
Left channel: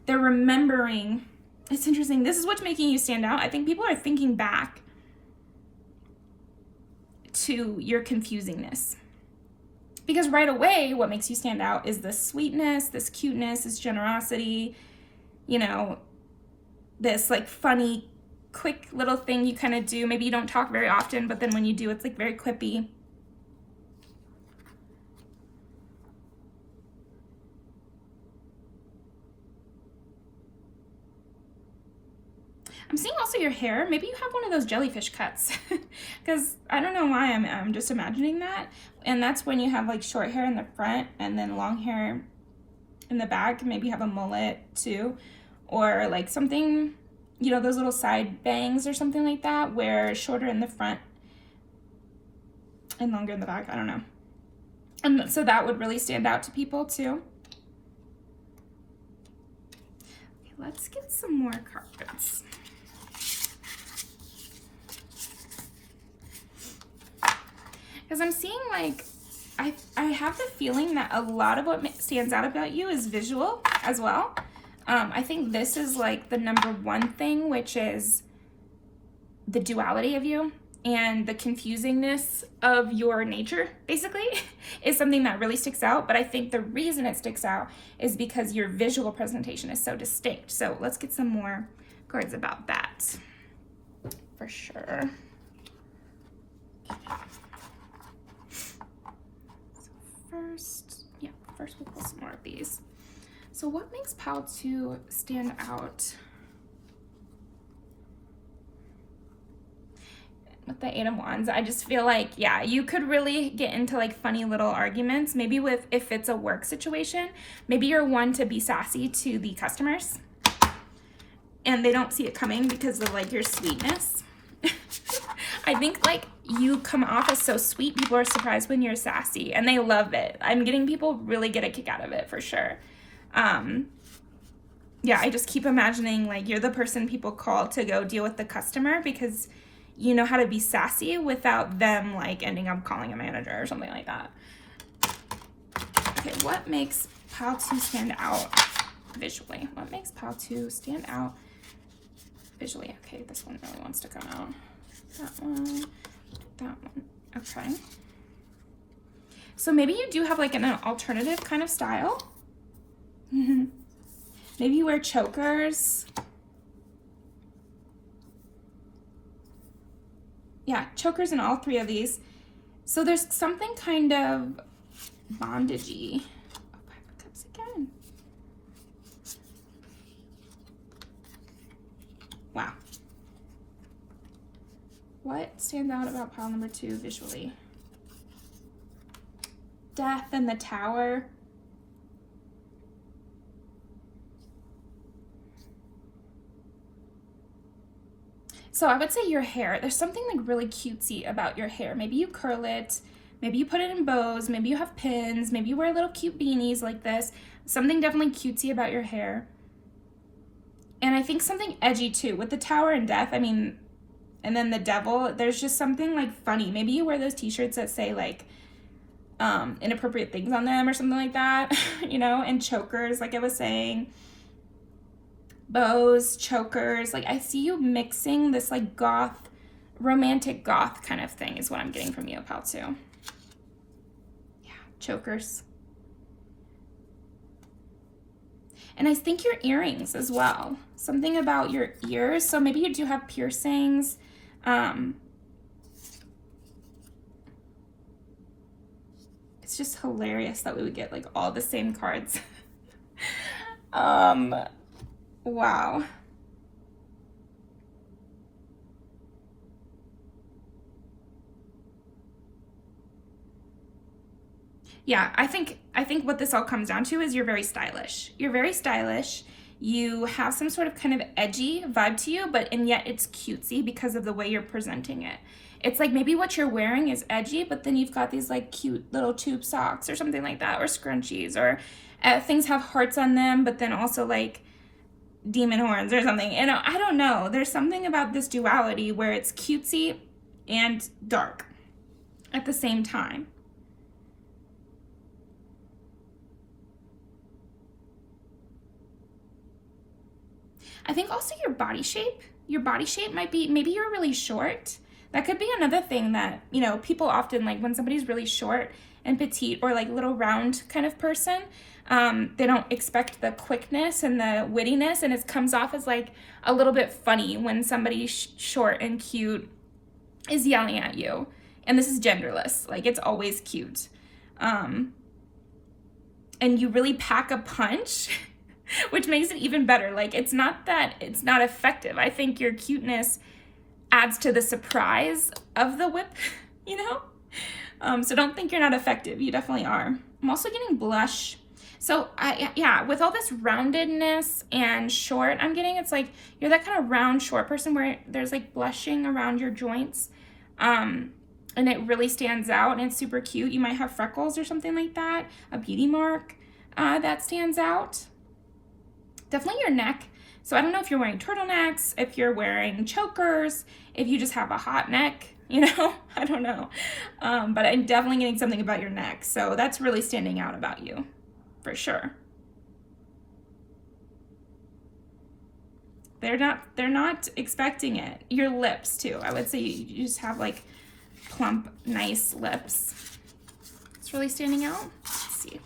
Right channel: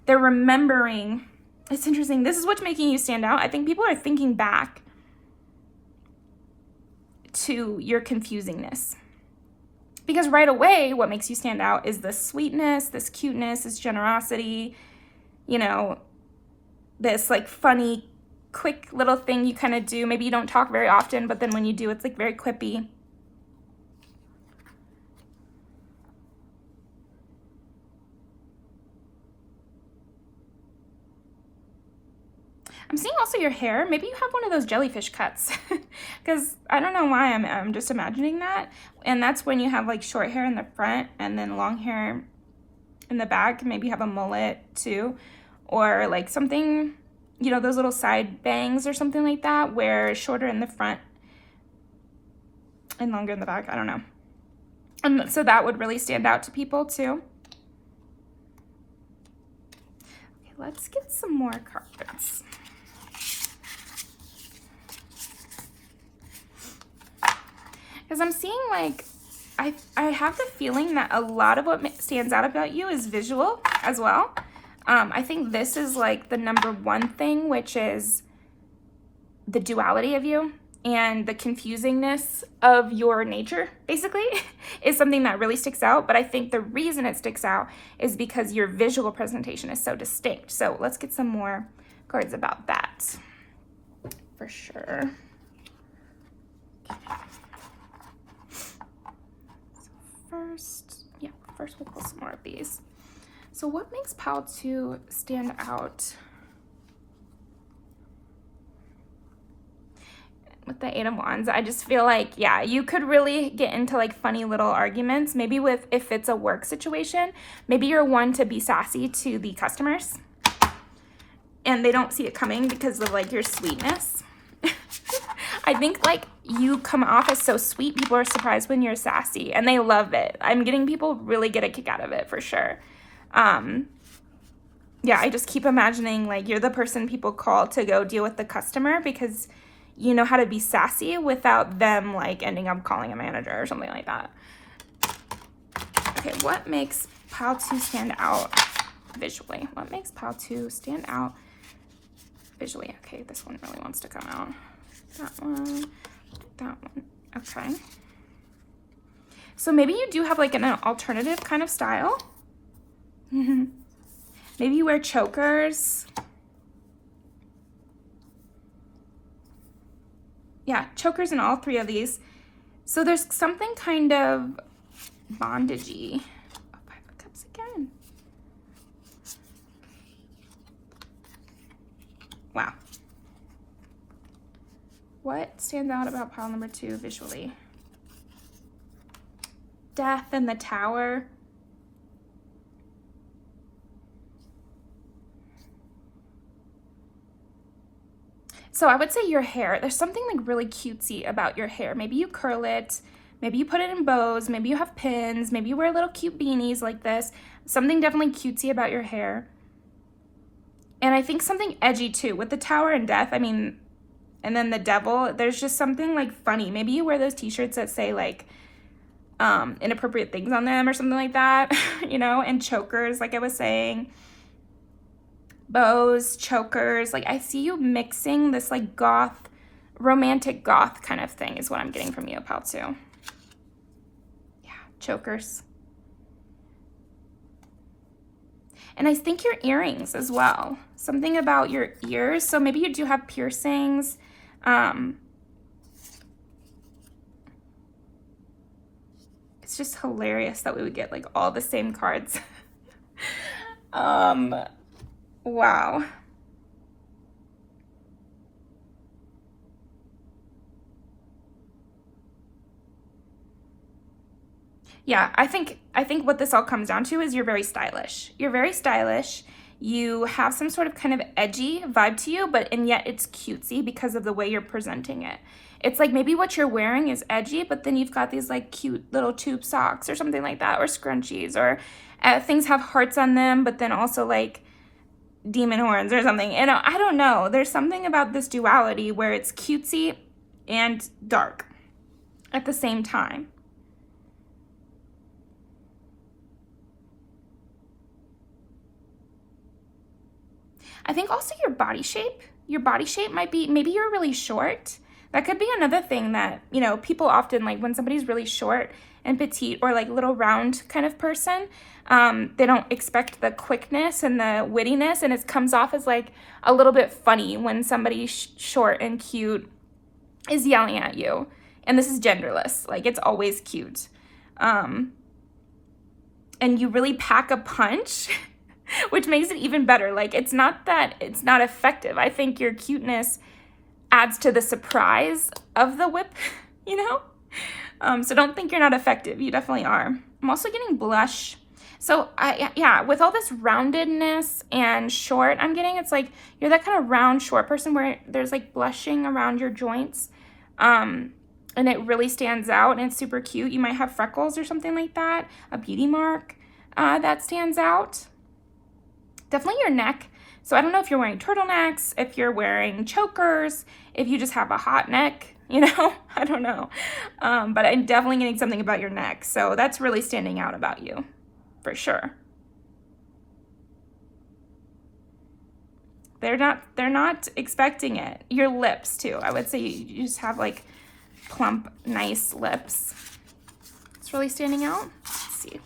they're remembering. It's interesting. This is what's making you stand out. I think people are thinking back to your confusingness. Because right away, what makes you stand out is this sweetness, this cuteness, this generosity, you know, this like funny, quick little thing you kind of do. Maybe you don't talk very often, but then when you do, it's like very quippy. I'm seeing also also your hair, maybe you have one of those jellyfish cuts, because I don't know why I'm just imagining that. And that's when you have like short hair in the front and then long hair in the back. Maybe you have a mullet too, or like something, you know, those little side bangs or something like that, where it's shorter in the front and longer in the back. I don't know. And so that would really stand out to people too. Okay, let's get some more cards. Because I'm seeing like, I have the feeling that a lot of what stands out about you is visual as well. I think this is like the number one thing, which is the duality of you and the confusingness of your nature, basically, is something that really sticks out. But I think the reason it sticks out is because your visual presentation is so distinct. So let's get some more cards about that for sure. First we'll pull some more of these. So what makes pile 2 stand out? With the 8 of Wands, I just feel like, yeah, you could really get into like funny little arguments. Maybe with, if it's a work situation, maybe you're one to be sassy to the customers and they don't see it coming because of like your sweetness. I think like you come off as so sweet, people are surprised when you're sassy and they love it. I'm getting people really get a kick out of it for sure. Yeah, I just keep imagining like you're the person people call to go deal with the customer because you know how to be sassy without them like ending up calling a manager or something like that. Okay, what makes pile 2 stand out visually? What makes pile 2 stand out visually? Okay, this one really wants to come out. That one, okay. So maybe you do have like an alternative kind of style. Maybe you wear chokers. Yeah, chokers in all 3 of these. So there's something kind of bondagey. Oh, 5 of Cups again. Wow. What stands out about pile number 2 visually? Death and the Tower. So I would say your hair, there's something like really cutesy about your hair. Maybe you curl it, maybe you put it in bows, maybe you have pins, maybe you wear little cute beanies like this. Something definitely cutesy about your hair. And I think something edgy too. With the Tower and Death, I mean, and then the Devil, there's just something like funny. Maybe you wear those t-shirts that say like inappropriate things on them or something like that, you know, and chokers, like I was saying. Bows, chokers, like I see you mixing this like goth, romantic goth kind of thing is what I'm getting from you, pile 2. Yeah, chokers. And I think your earrings as well. Something about your ears. So maybe you do have piercings. It's just hilarious that we would get like all the same cards. Wow. Yeah, I think what this all comes down to is you're very stylish. You're very stylish. You have some sort of kind of edgy vibe to you, and yet it's cutesy because of the way you're presenting it. It's like maybe what you're wearing is edgy, but then you've got these like cute little tube socks or something like that, or scrunchies, or things have hearts on them, but then also like demon horns or something. And I don't know. There's something about this duality where it's cutesy and dark at the same time. I think also your body shape might be, maybe you're really short. That could be another thing that, you know, people often like when somebody's really short and petite or like little round kind of person, they don't expect the quickness and the wittiness, and it comes off as like a little bit funny when somebody short and cute is yelling at you. And this is genderless, like it's always cute. And you really pack a punch which makes it even better. Like, it's not that it's not effective. I think your cuteness adds to the surprise of the whip, you know? So don't think you're not effective. You definitely are. I'm also getting blush. So yeah, with all this roundedness and short I'm getting, it's like you're that kind of round, short person where there's like blushing around your joints. And it really stands out and it's super cute. You might have freckles or something like that, a beauty mark that stands out. Definitely your neck. So I don't know if you're wearing turtlenecks, if you're wearing chokers, if you just have a hot neck, you know, I don't know. But I'm definitely getting something about your neck. So that's really standing out about you, for sure. They're not expecting it. Your lips too. I would say you just have like plump, nice lips. It's really standing out. Let's see.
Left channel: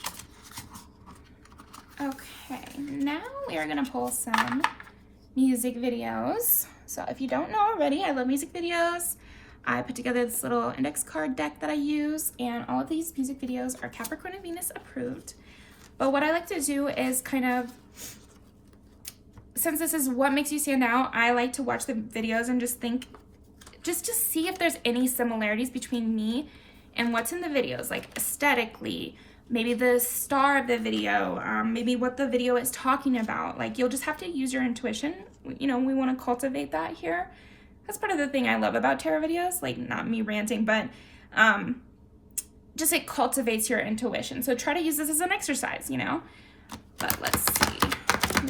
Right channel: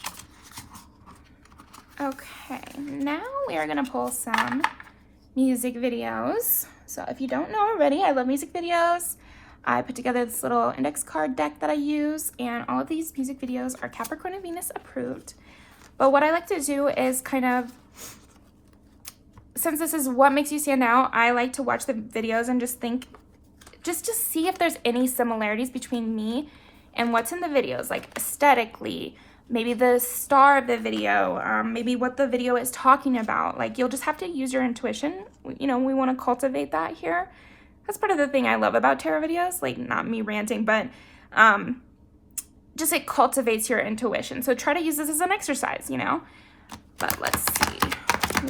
Okay, now we are gonna pull some music videos. So if you don't know already, I love music videos. I put together this little index card deck that I use, and all of these music videos are Capricorn and Venus approved. But what I like to do is kind of, since this is what makes you stand out, I like to watch the videos and just think, just to see if there's any similarities between me and what's in the videos, like aesthetically, maybe the star of the video, maybe what the video is talking about. Like, you'll just have to use your intuition. You know, we want to cultivate that here. That's part of the thing I love about tarot videos, like not me ranting, but just it cultivates your intuition. So try to use this as an exercise, you know. But let's see,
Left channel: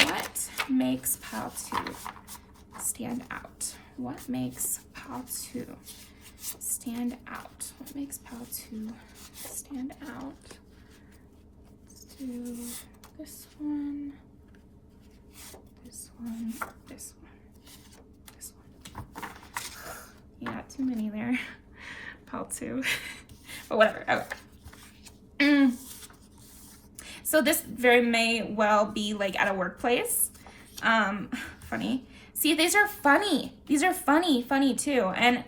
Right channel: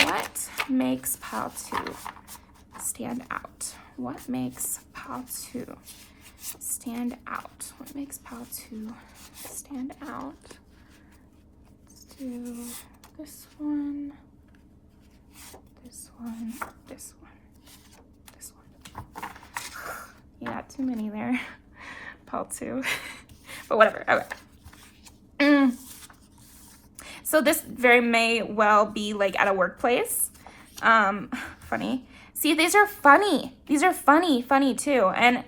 what makes pile 2 stand out? What makes pile 2 stand out? What makes pile 2 stand out? Let's do this one, this one, this one, this one. Yeah, too many there. Pile 2. But whatever. Okay. So this very may well be like at a workplace. Funny. See, these are funny. These are funny too. And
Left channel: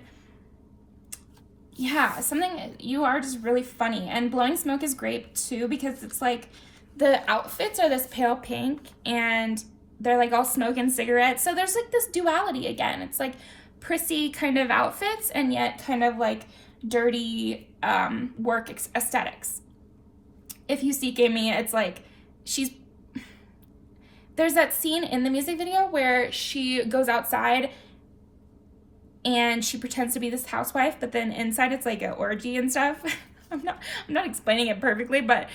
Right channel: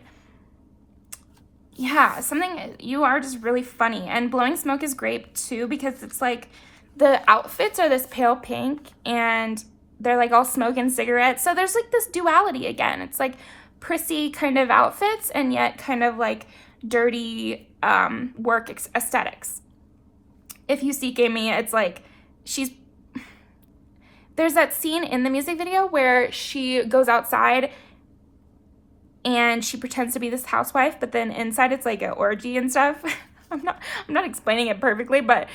yeah, you are just really funny. And blowing smoke is great too, because it's like the outfits are this pale pink and they're like all smoke and cigarettes. So there's like this duality again. It's like prissy kind of outfits and yet kind of like dirty work aesthetics. If you see Amy, it's like there's that scene in the music video where she goes outside and she pretends to be this housewife, but then inside it's like an orgy and stuff. I'm not explaining it perfectly, but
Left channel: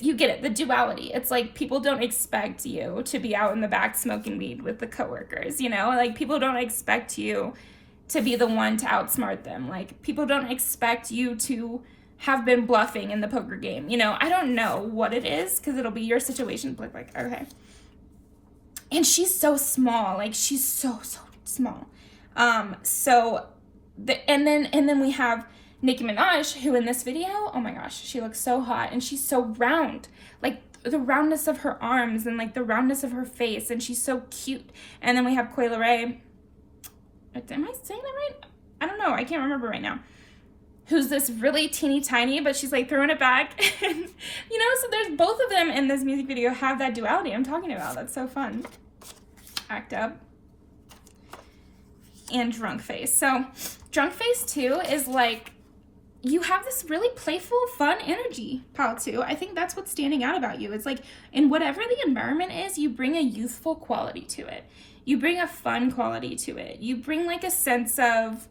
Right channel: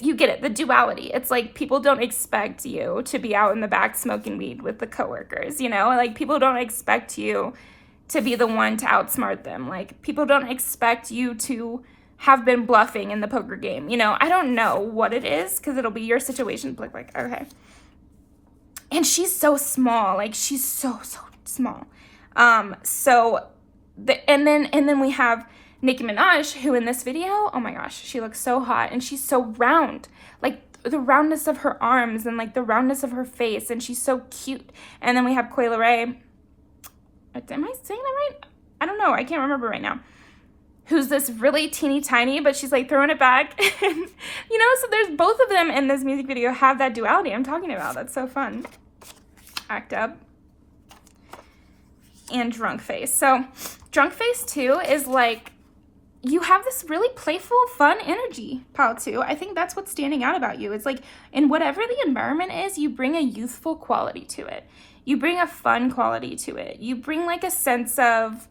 you get it, the duality. It's like people don't expect you to be out in the back smoking weed with the coworkers, you know? Like, people don't expect you to be the one to outsmart them. Like, people don't expect you to have been bluffing in the poker game, you know? I don't know what it is, because it'll be your situation. Like, okay. And she's so small. Like, she's so small. And then we have Nicki Minaj, who in this video, oh my gosh, she looks so hot, and she's so round, like the roundness of her arms and like the roundness of her face, and she's so cute. And then we have Coi Leray. Am I saying that right? I don't know. I can't remember right now. Who's this really teeny tiny, but she's like throwing it back. And, you know, so there's both of them in this music video have that duality I'm talking about. That's so fun. Act Up. And Drunk Face. So Drunk Face too is like, you have this really playful, fun energy, pile 2. I think that's what's standing out about you. It's like, in whatever the environment is, you bring a youthful quality to it. You bring a fun quality to it. You bring like a sense of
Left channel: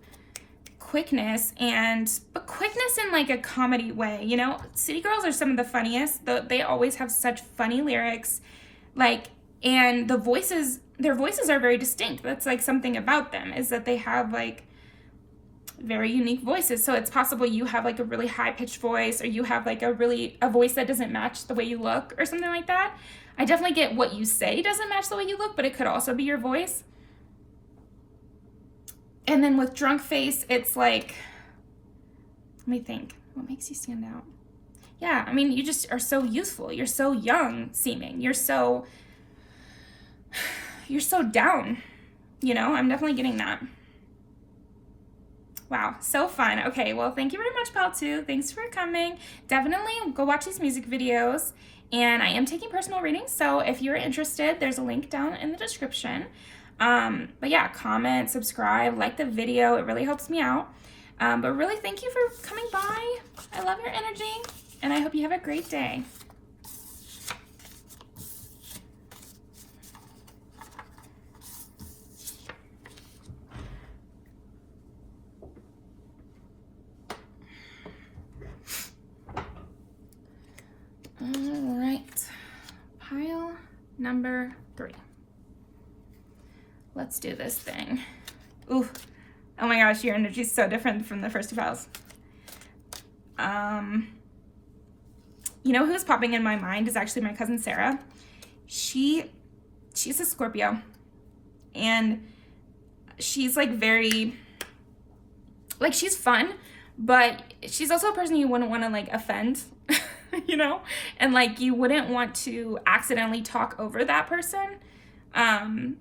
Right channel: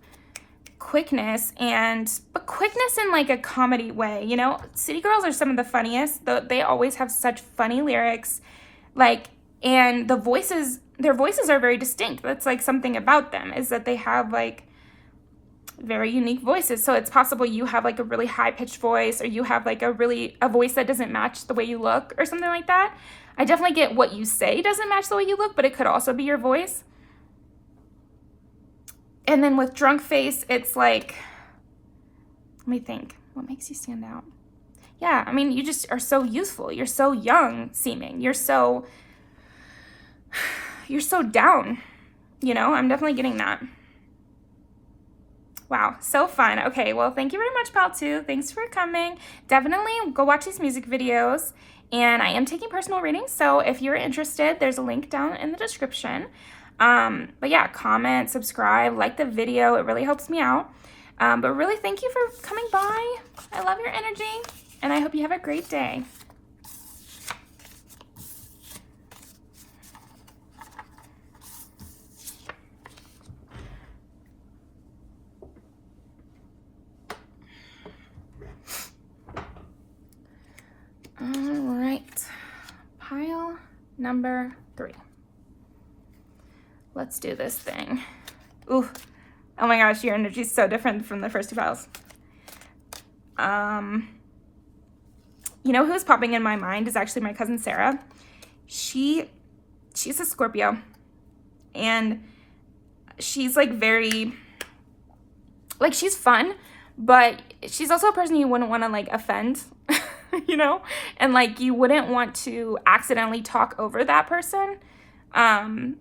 quickness, but quickness in like a comedy way, you know? City Girls are some of the funniest. They always have such funny lyrics, like, and their voices are very distinct. That's like something about them, is that they have like very unique voices. So it's possible you have like a really high-pitched voice, or you have like a voice that doesn't match the way you look or something like that. I definitely get what you say doesn't match the way you look, but it could also be your voice. And then with Drunk Face, it's like, let me think, what makes you stand out? Yeah, I mean, you just are so youthful. You're so young seeming. You're so down, you know? I'm definitely getting that. Wow, so fun. Okay, well, thank you very much, pal 2. Thanks for coming. Definitely go watch these music videos and I am taking personal readings, so if you're interested, there's a link down in the description. But yeah, comment, subscribe, like the video. It really helps me out. But really, thank you for coming by. I love your energy, and I hope you have a great day. All right, pile number 3. Let's do this thing. Ooh, oh my gosh, your energy is so different from the first 2 piles. You know who's popping in my mind is actually my cousin Sarah. She's a Scorpio, and she's like very, like, she's fun, but she's also a person you wouldn't want to like offend. You know, and like you wouldn't want to accidentally talk over that person. And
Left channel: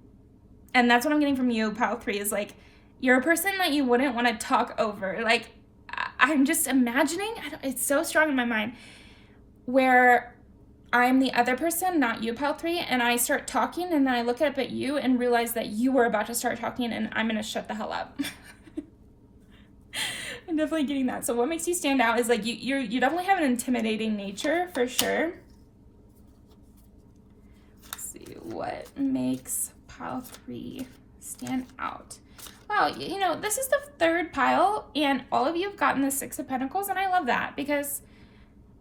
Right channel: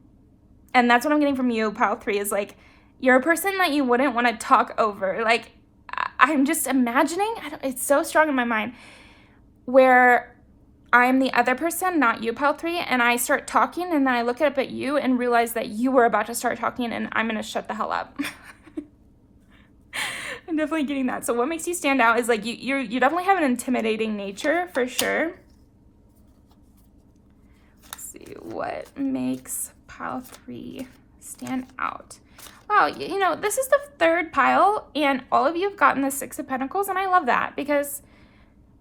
that's what I'm getting from you, pile 3, is like you're a person that you wouldn't want to talk over. Like, I'm just imagining, it's so strong in my mind, where I'm the other person, not you, pile 3, and I start talking, and then I look up at you and realize that you were about to start talking, and I'm gonna shut the hell up. I'm definitely getting that. So what makes you stand out is like you definitely have an intimidating nature for sure. Let's see what makes pile 3 stand out. Wow, you know, this is the 3rd pile, and all of you have gotten the 6 of Pentacles, and I love that because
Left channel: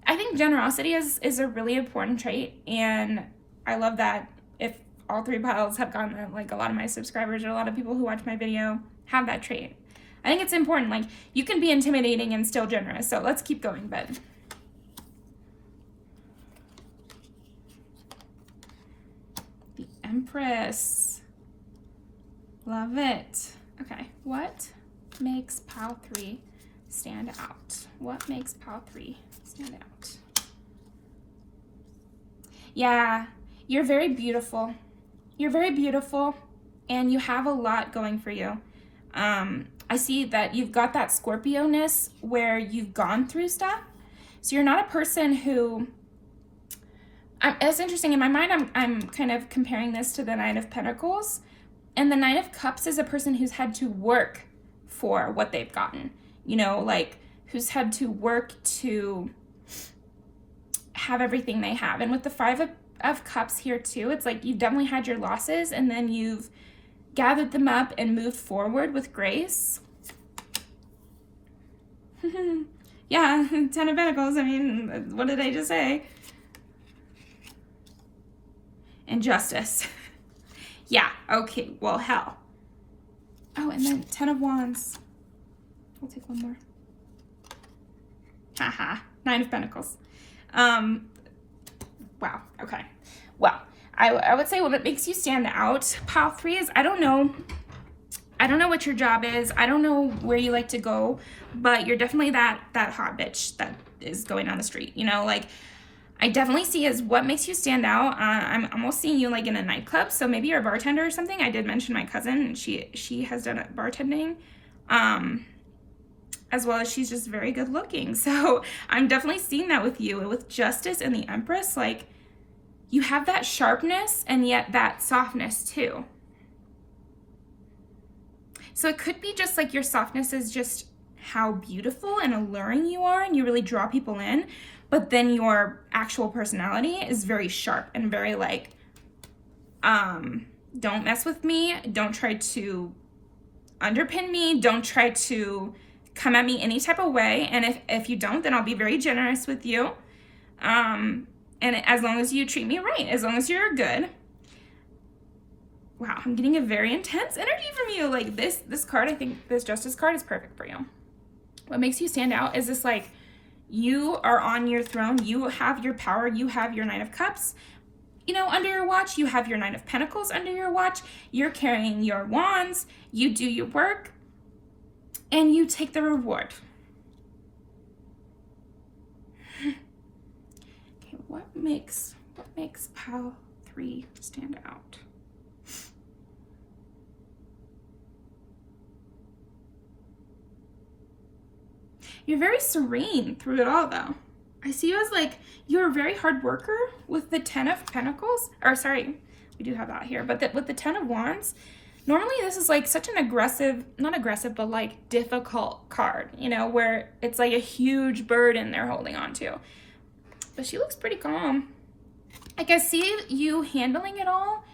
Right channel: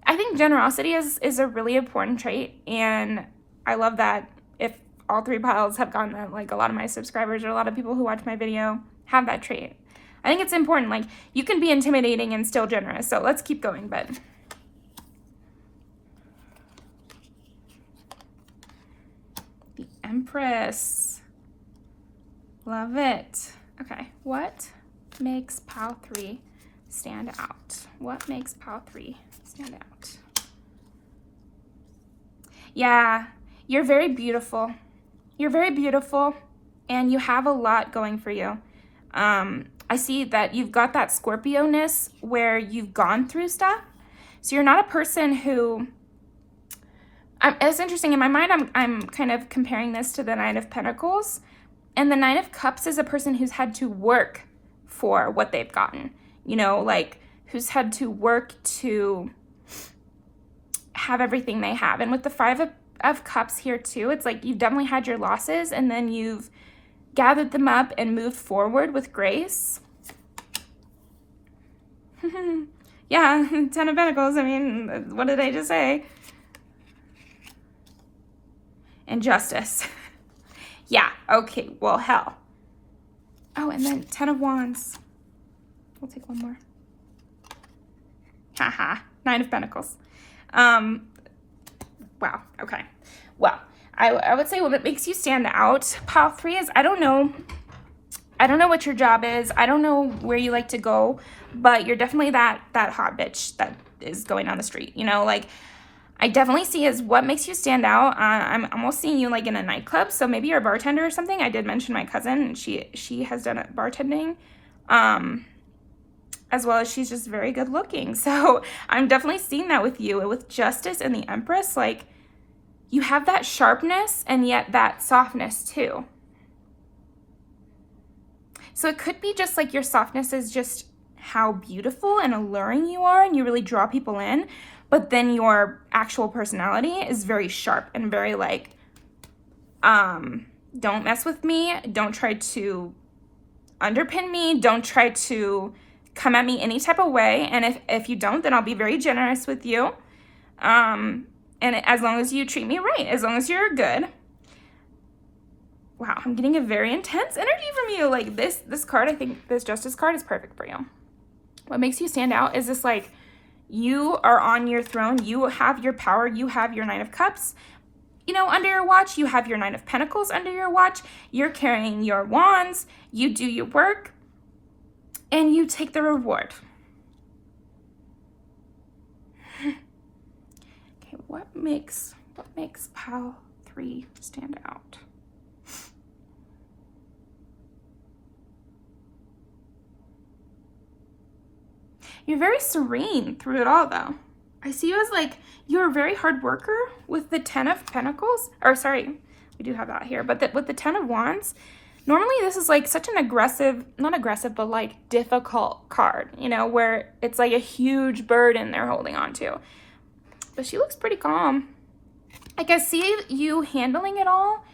I think generosity is a really important trait, and I love that if all 3 piles have gotten that, like a lot of my subscribers or a lot of people who watch my video have that trait. I think it's important. Like, you can be intimidating and still generous. So let's keep going, but the Empress. Love it. Okay, what makes pile 3 stand out? What makes pile 3 stand out? Yeah, you're very beautiful. You're very beautiful, and you have a lot going for you. I see that you've got that Scorpio-ness where you've gone through stuff. So you're not a person who, it's interesting, in my mind, I'm kind of comparing this to the Knight of Pentacles. And the Knight of Cups is a person who's had to work for what they've gotten. You know, like, who's had to work to have everything they have. And with the 5 of Cups here too, it's like you've definitely had your losses, and then you've gathered them up and moved forward with grace. Yeah, 10 of Pentacles. I mean, what did I just say? And Justice. Yeah, okay, well, hell. Oh, and then 10 of Wands. We'll take one more. Haha, 9 of Pentacles. Wow, okay. Well, I would say what makes you stand out, pile 3, is I don't know what your job is. I don't know where you like to go, but you're definitely that hot bitch that is going down the street. You know, like, I definitely see as what makes you stand out. I'm almost seeing you like in a nightclub, so maybe you're a bartender or something. I did mention my cousin, and she has done bartending, as well as she's just very good looking. So I'm definitely seeing that with you, with Justice and the Empress. Like, you have that sharpness and yet that softness too. So it could be just like your softness is just how beautiful and alluring you are, and you really draw people in, but then your actual personality is very sharp and very like, don't mess with me, don't try to underpin me, don't try to come at me any type of way, and if you don't, then I'll be very generous with you. And as long as you treat me right, as long as you're good. Wow, I'm getting a very intense energy from you. Like, this card, I think this Justice card is perfect for you. What makes you stand out is this, like, you are on your throne, you have your power, you have your 9 of Cups, you know, under your watch, you have your 9 of Pentacles under your watch, you're carrying your wands, you do your work, and you take the reward. Okay, what makes pile 3 stand out? You're very serene through it all, though. I see you as like, you're a very hard worker with the 10 of Pentacles. Or sorry, we do have that here. But with the 10 of Wands, normally this is like such an aggressive, not aggressive, but like difficult card, you know, where it's like a huge burden they're holding on to. But she looks pretty calm. Like I see you handling it all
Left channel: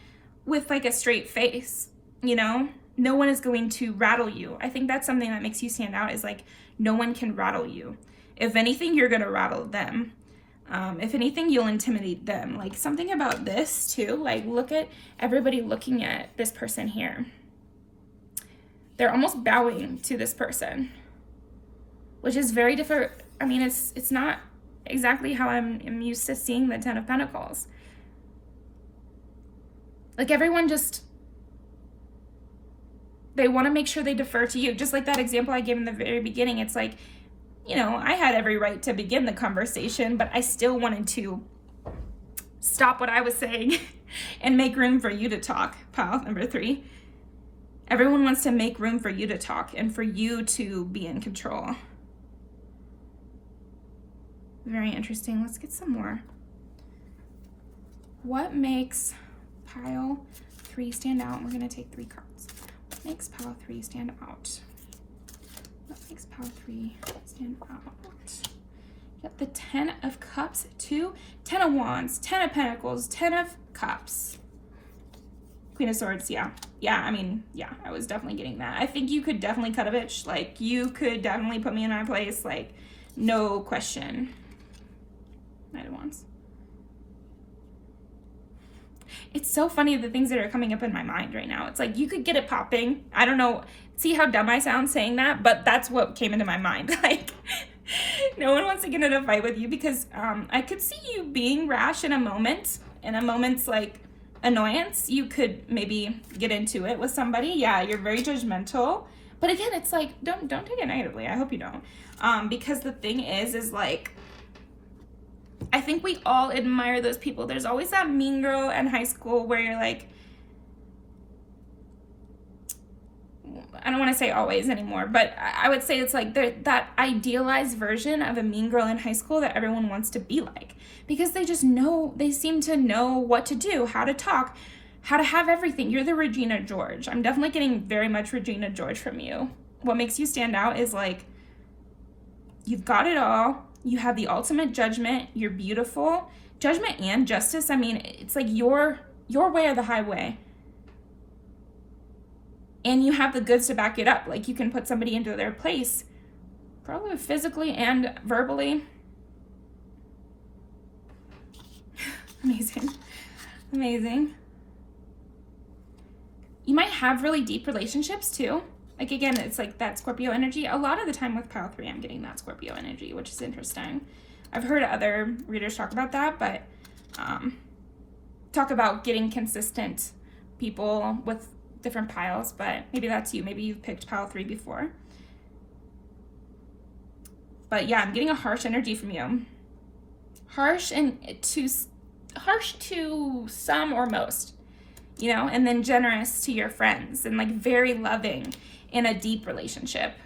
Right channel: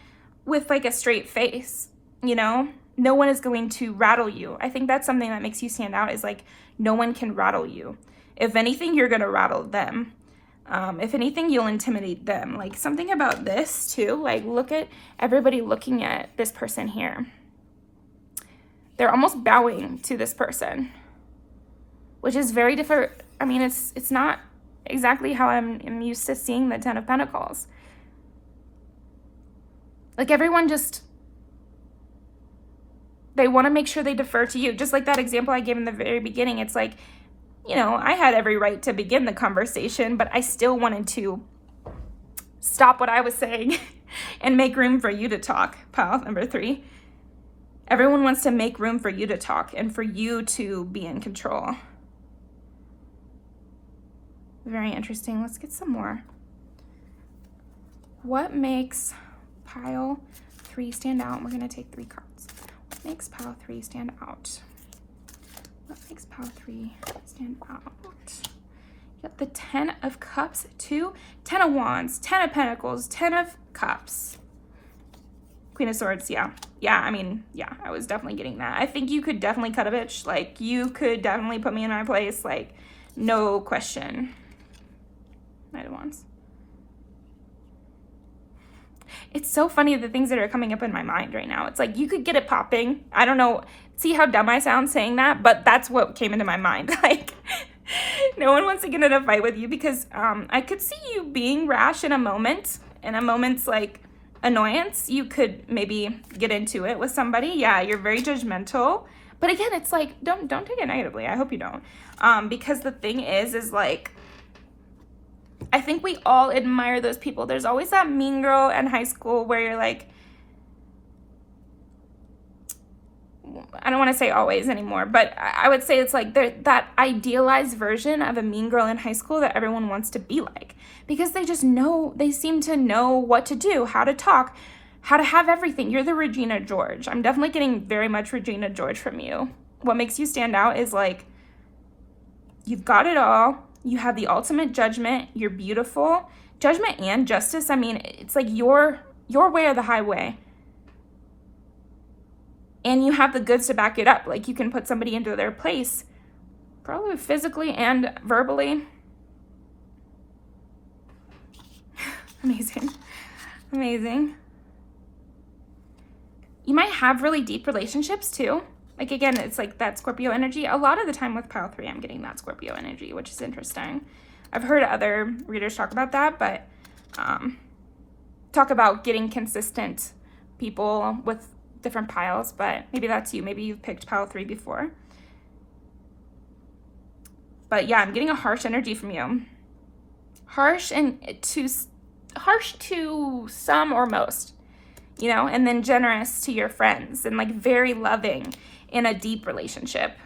with like a straight face, you know? No one is going to rattle you. I think that's something that makes you stand out, is like no one can rattle you. If anything, you're gonna rattle them. If anything, you'll intimidate them. Like something about this too, like look at everybody looking at this person here. They're almost bowing to this person, which is very different. I mean, it's not exactly how I'm used to seeing the 10 of Pentacles. Like everyone just, they want to make sure they defer to you. Just like that example I gave in the very beginning. It's like, you know, I had every right to begin the conversation, but I still wanted to stop what I was saying and make room for you to talk. Pile number 3. Everyone wants to make room for you to talk and for you to be in control. Very interesting. Let's get some more. What makes pile 3 stand out? We're going to take 3 cards. What makes pile 3 stand out? What makes pile 3 stand out? You got the 10 of Cups, 2, 10 of Wands, 10 of Pentacles, 10 of Cups. Queen of Swords, yeah. Yeah, I mean, yeah, I was definitely getting that. I think you could definitely cut a bitch. Like, you could definitely put me in my place. Like, no question. Knight of Wands. It's so funny the things that are coming up in my mind right now. It's like you could get it popping. I don't know. See how dumb I sound saying that? But that's what came into my mind. Like, no one wants to get in a fight with you because I could see you being rash in a moment. In a moment's like annoyance, you could maybe get into it with somebody. Yeah, you're very judgmental. But again, it's like, don't take it negatively. I hope you don't. Because the thing is like, I think we all admire those people. There's always that mean girl in high school where you're like, I don't want to say always anymore, but I would say it's like that idealized version of a mean girl in high school that everyone wants to be like, because they just know, they seem to know what to do, how to talk, how to have everything. You're the Regina George. I'm definitely getting very much Regina George from you. What makes you stand out is like, you've got it all. You have the ultimate judgment. You're beautiful. Judgment and justice. I mean, it's like your way or the highway. And you have the goods to back it up. Like you can put somebody into their place, probably physically and verbally. Amazing. Amazing. You might have really deep relationships too. Like again, it's like that Scorpio energy. A lot of the time with pile 3, I'm getting that Scorpio energy, which is interesting. I've heard other readers talk about that, but talk about getting consistent people with different piles, but maybe that's you. Maybe you've picked pile 3 before. But yeah, I'm getting a harsh energy from you. Harsh to some or most, you know, and then generous to your friends and like very loving in a deep relationship.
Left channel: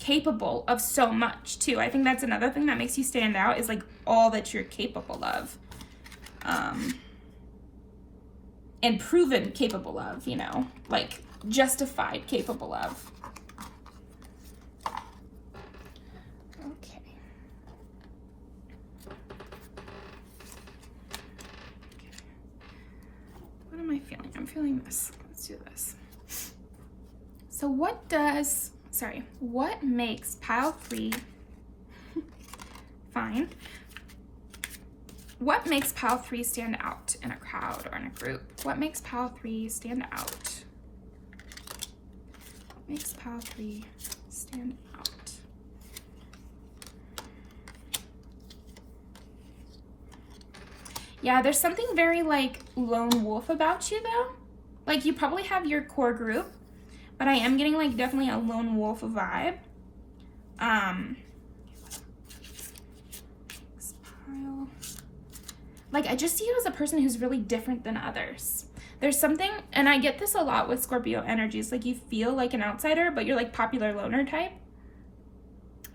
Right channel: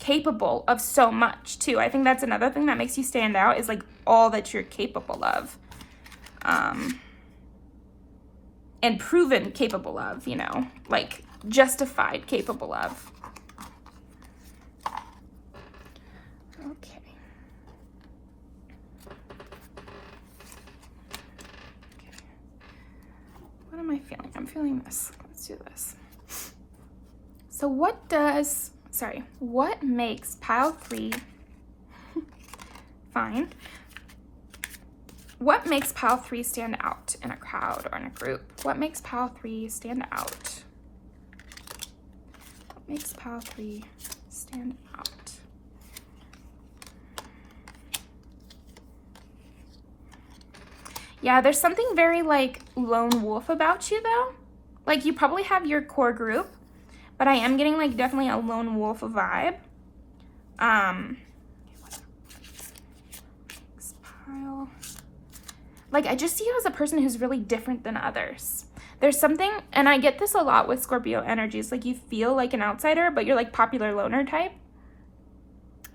Capable of so much too. I think that's another thing that makes you stand out, is like all that you're capable of. And proven capable of, you know, like justified capable of. Okay. What am I feeling? I'm feeling this. Let's do this. So what makes pile 3 fine? What makes pile 3 stand out in a crowd or in a group? What makes pile 3 stand out? What makes pile 3 stand out? Yeah, there's something very like lone wolf about you though. Like you probably have your core group, but I am getting like definitely a lone wolf vibe. Pile. Like, I just see you as a person who's really different than others. There's something, and I get this a lot with Scorpio energies, like you feel like an outsider, but you're like popular loner type.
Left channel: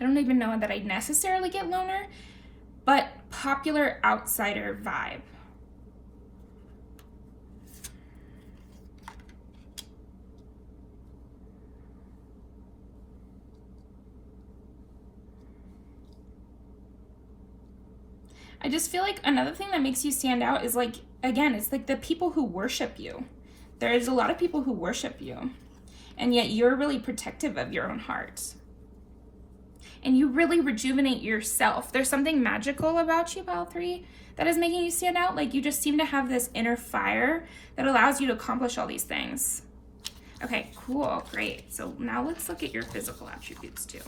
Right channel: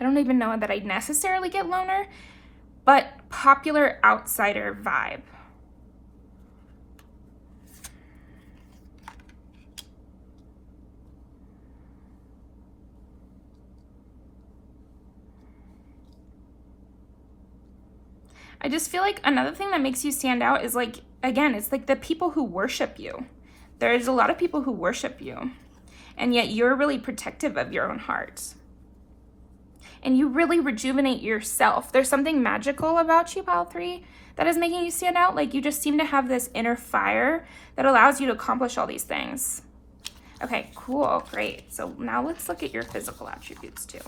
I don't even know that I necessarily get loner, but popular outsider vibe. I just feel like another thing that makes you stand out is like, again, it's like the people who worship you. There's a lot of people who worship you, and yet you're really protective of your own heart. And you really rejuvenate yourself. There's something magical about you, Pile 3, that is making you stand out. Like you just seem to have this inner fire that allows you to accomplish all these things. Okay, cool, great. So now let's look at your physical attributes too.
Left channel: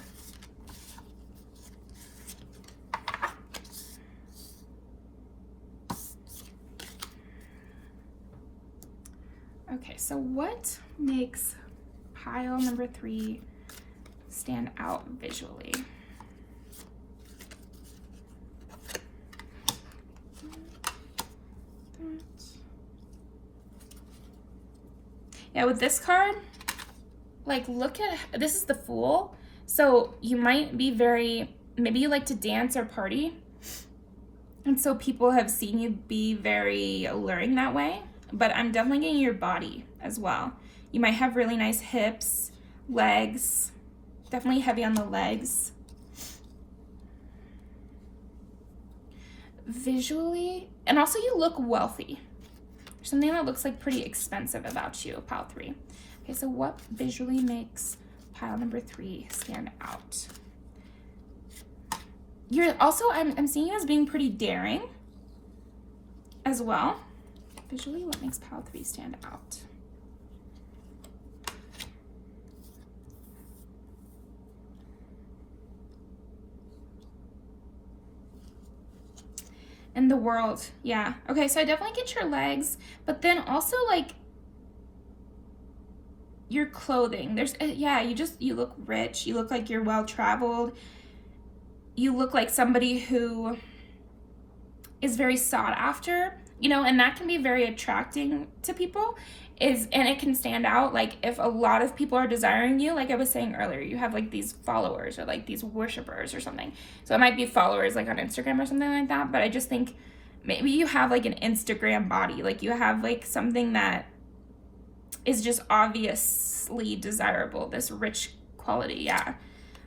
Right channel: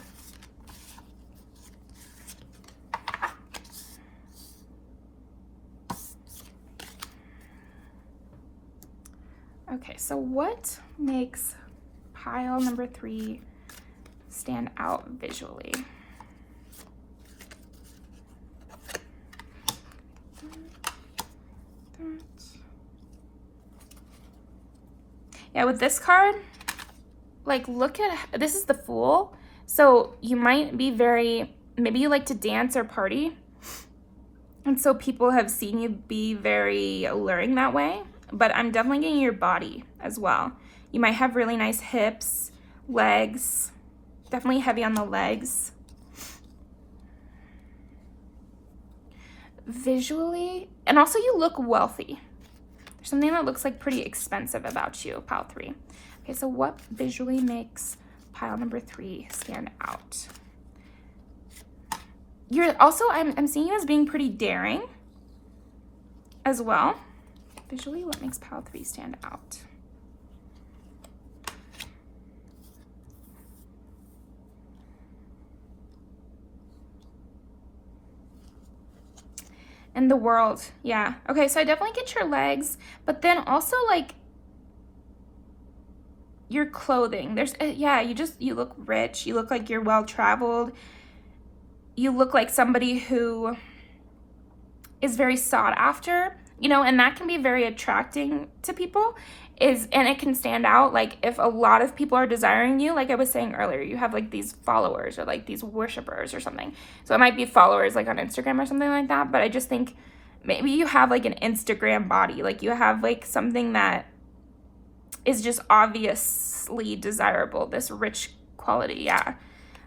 Okay, so what makes pile number 3 stand out visually? Yeah, with this card, like look at, this is the Fool. So you might be maybe you like to dance or party. And so people have seen you be very alluring that way. But I'm definitely getting your body as well. You might have really nice hips, legs, definitely heavy on the legs. Visually, and also you look wealthy. There's something that looks like pretty expensive about you, pile 3. Okay, so what visually makes pile number 3 stand out? You're also, I'm seeing you as being pretty daring as well. Visually, what makes pile 3 stand out? In the world, yeah. Okay, so I definitely get your legs, but then also like your clothing. There's, yeah, you look rich. You look like you're well-traveled. You look like somebody who is very sought after. You know, and that can be very attracting to people, and it can stand out. Like if a lot of people are desiring you, like I was saying earlier, you have like these followers or like these worshipers or something. So it might be followers like on Instagram or something like that. But I just think maybe you have like an Instagram body, like you have like something that is just obviously desirable, this rich quality. Yeah,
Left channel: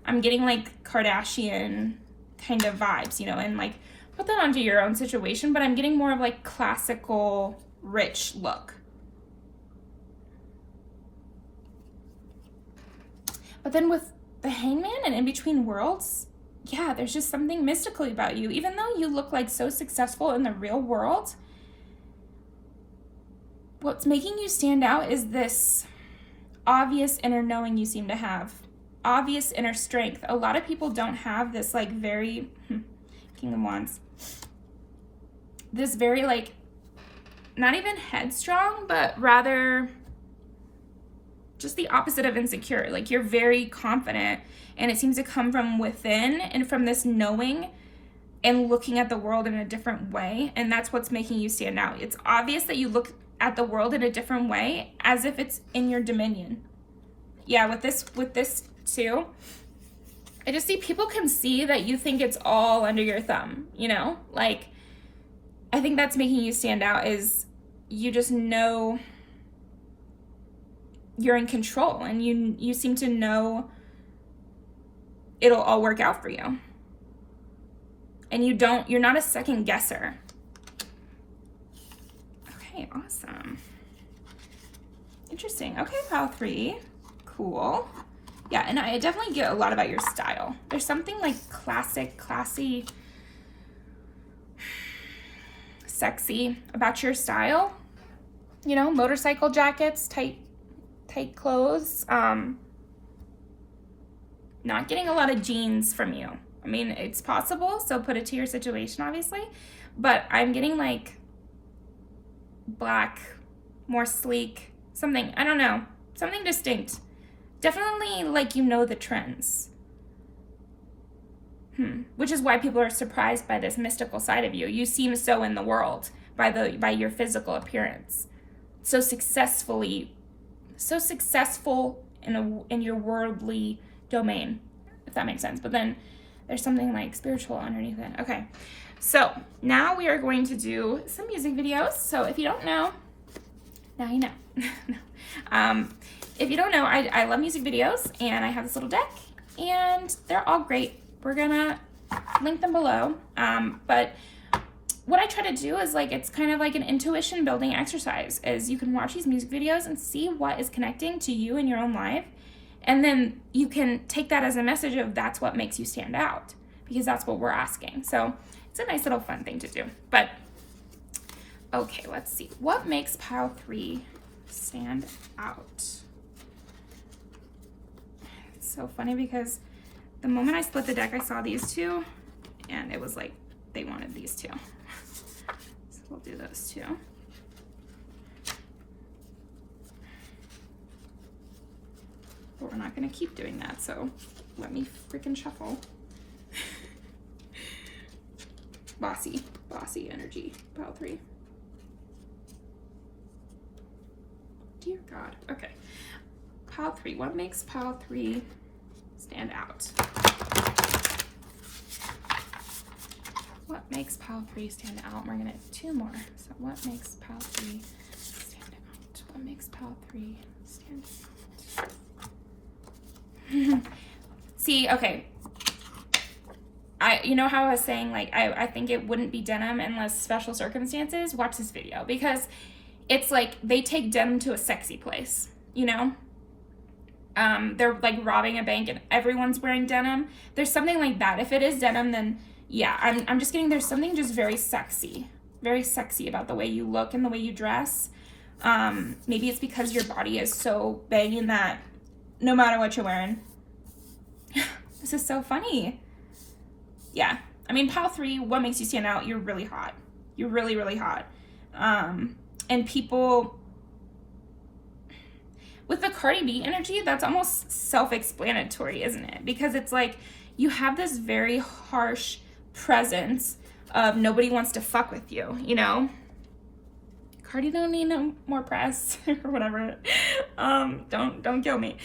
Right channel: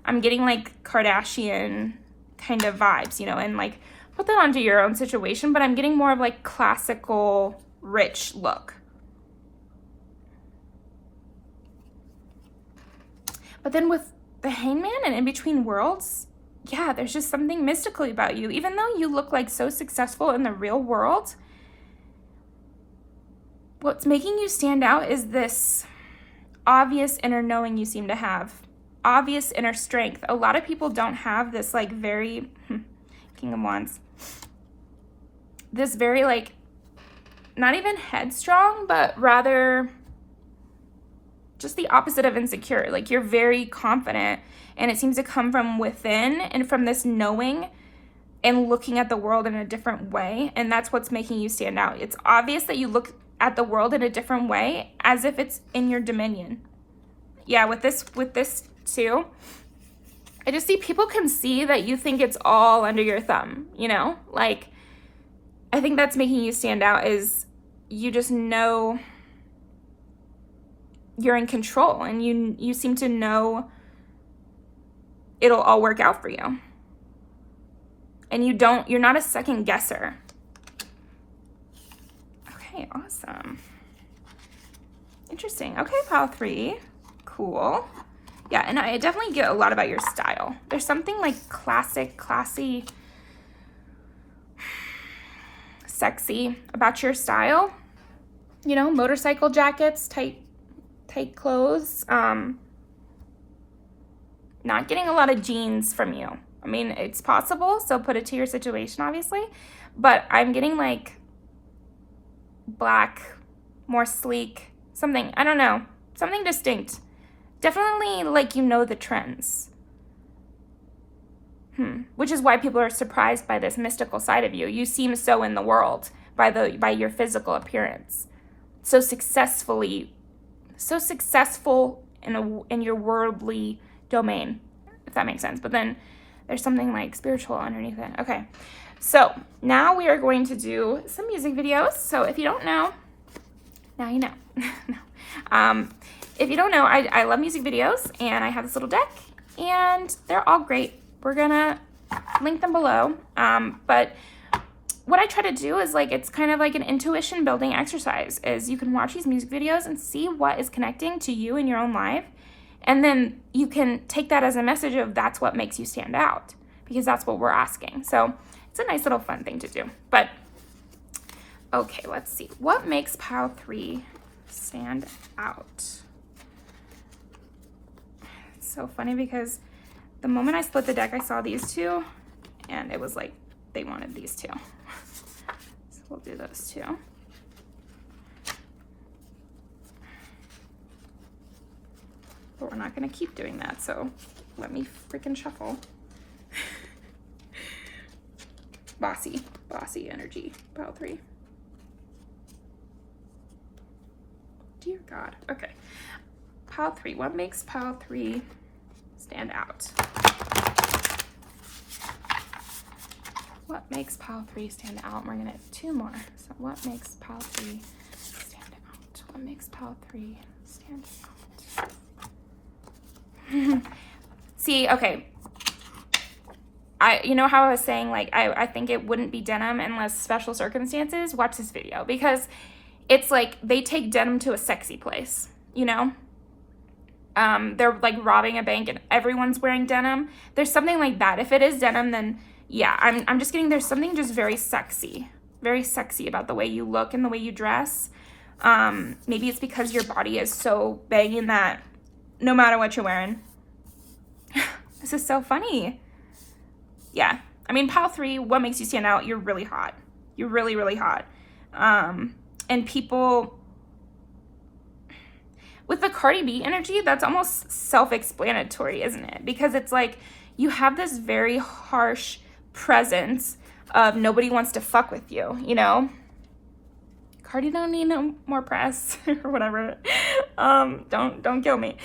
I'm getting like Kardashian kind of vibes, you know, and like put that onto your own situation, but I'm getting more of like classical, rich look. But then with the Hangman and In Between Worlds, yeah, there's just something mystical about you. Even though you look like so successful in the real world, what's making you stand out is this obvious inner knowing you seem to have. Obvious inner strength. A lot of people don't have this like very, King of Wands, this very like, not even headstrong, but rather just the opposite of insecure. Like you're very confident, and it seems to come from within and from this knowing and looking at the world in a different way. And that's what's making you stand out. It's obvious that you look at the world in a different way, as if it's in your dominion. Yeah, with this too, I just see people can see that you think it's all under your thumb, you know? Like, I think that's making you stand out, is you just know you're in control, and you seem to know it'll all work out for you. And you're not a second guesser. Okay, awesome. Interesting. Okay, pile 3. Cool. Yeah, and I definitely get a lot about your style. There's something like classic, classy, sexy about your style. You know, motorcycle jackets, tight clothes. Not getting a lot of jeans from you. I mean, it's possible, so put it to your situation, obviously. But I'm getting like black, more sleek, something, I don't know, something distinct. Definitely like you know the trends. Which is why people are surprised by this mystical side of you. You seem so in the world by your physical appearance. So successful in your worldly domain. that makes sense. But then there's something like spiritual underneath it. Okay, so now we are going to do some music videos. So if you don't know, now you know. No. If you don't know, I love music videos, and I have this little deck, and they're all great. We're gonna link them below. But what I try to do is like, it's kind of like an intuition building exercise, is you can watch these music videos and see what is connecting to you in your own life. And then you can take that as a message of that's what makes you stand out, because that's what we're asking. So it's a nice little fun thing to do. But okay, let's see. What makes pile 3 stand out? It's so funny because the moment I split the deck, I saw these two, and it was like they wanted these two. So we'll do those two. But we're not gonna keep doing that, so let me freaking shuffle. Bossy energy, pile 3. Dear God, okay. Pile 3, what makes pile 3 stand out? What makes pile 3 stand out? We're gonna have 2 more. So what makes pile 3 stand out? What makes pile 3 stand out? See, okay. You know how I was saying, like, I think it wouldn't be denim unless special circumstances? Watch this video, because it's like they take denim to a sexy place, you know? They're like robbing a bank and everyone's wearing denim. There's something like that. If it is denim, then yeah, I'm just getting, there's something just very sexy about the way you look and the way you dress. Maybe it's because your body is so banging that no matter what you're wearing. This is so funny. Yeah, I mean, pile 3, what makes you stand out? You're really hot. You're really, really hot. And people, with the Cardi B energy, that's almost self-explanatory, isn't it? Because it's like, you have this very harsh presence of nobody wants to fuck with you, you know? Cardi don't need no more press or whatever. Don't kill me.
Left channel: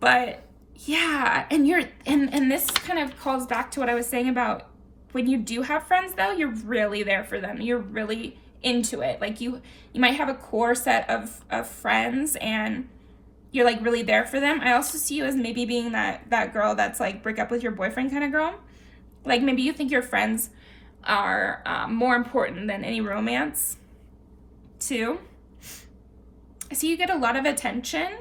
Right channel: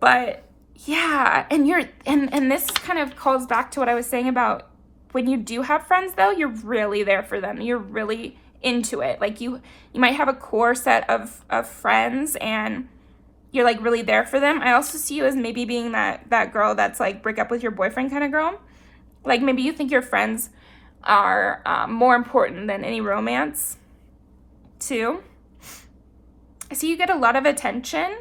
But yeah, and this kind of calls back to what I was saying about when you do have friends, though, you're really there for them. You're really into it. Like you might have a core set of friends and you're like really there for them. I also see you as maybe being that girl that's like break up with your boyfriend kind of girl. Like maybe you think your friends are more important than any romance too. So you get a lot of attention,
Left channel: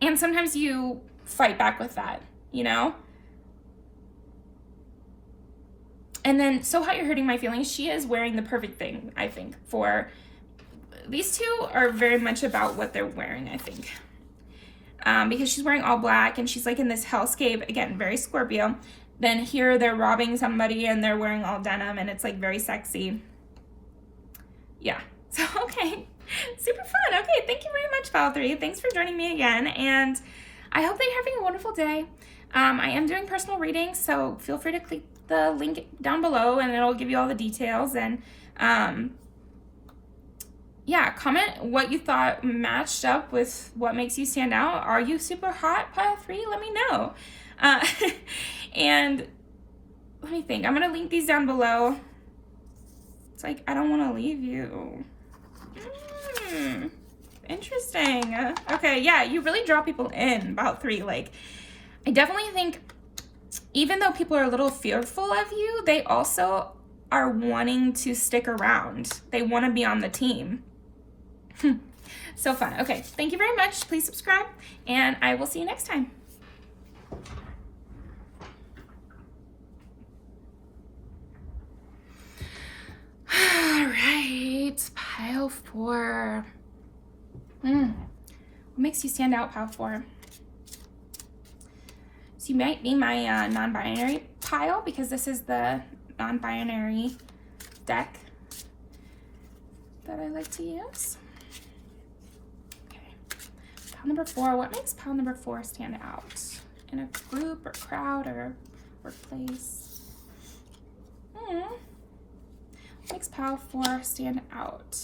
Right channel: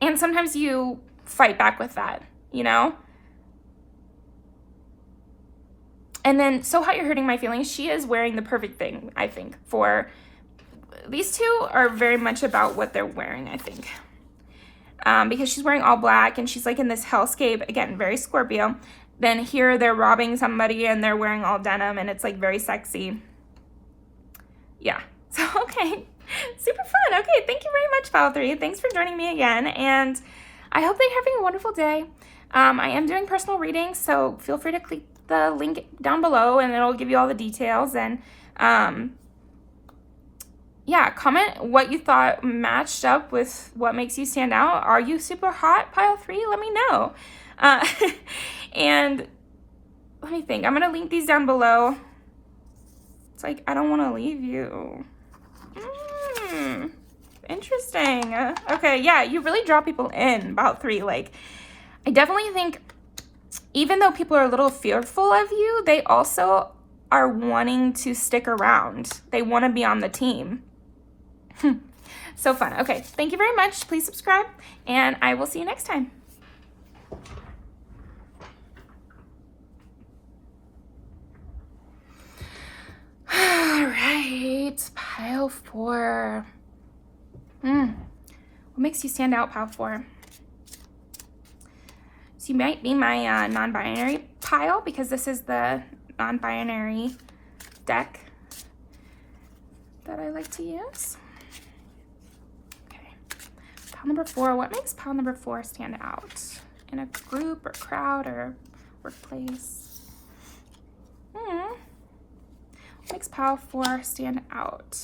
and sometimes you fight back with that, you know? And then, So Hot You're Hurting My Feelings, she is wearing the perfect thing, I think, for, these two are very much about what they're wearing, I think. Because she's wearing all black and she's like in this hellscape, again, very Scorpio. Then here they're robbing somebody and they're wearing all denim and it's like very sexy. Yeah, so okay, super fun. Okay, thank you very much, Pile 3. Thanks for joining me again, and I hope that you're having a wonderful day. I am doing personal readings, so feel free to click the link down below and it'll give you all the details. And yeah, comment what you thought matched up with what makes you stand out. Are you super hot, Pile 3? Let me know. And let me think. I'm going to link these down below. It's like, I don't want to leave you. Interesting. Okay, yeah, you really draw people in, about 3. Like, I definitely think even though people are a little fearful of you, they also are wanting to stick around. They want to be on the team. So fun. Okay, thank you very much. Please subscribe, and I will see you next time. All right, Pile 4. What makes you stand out, Pile 4? So you might be my non-binary pile, because this is the non-binary deck that I like to use. Okay, pile number 4. What makes pile number 4 stand out in a group or crowd or workplace? What makes pile 4 stand out?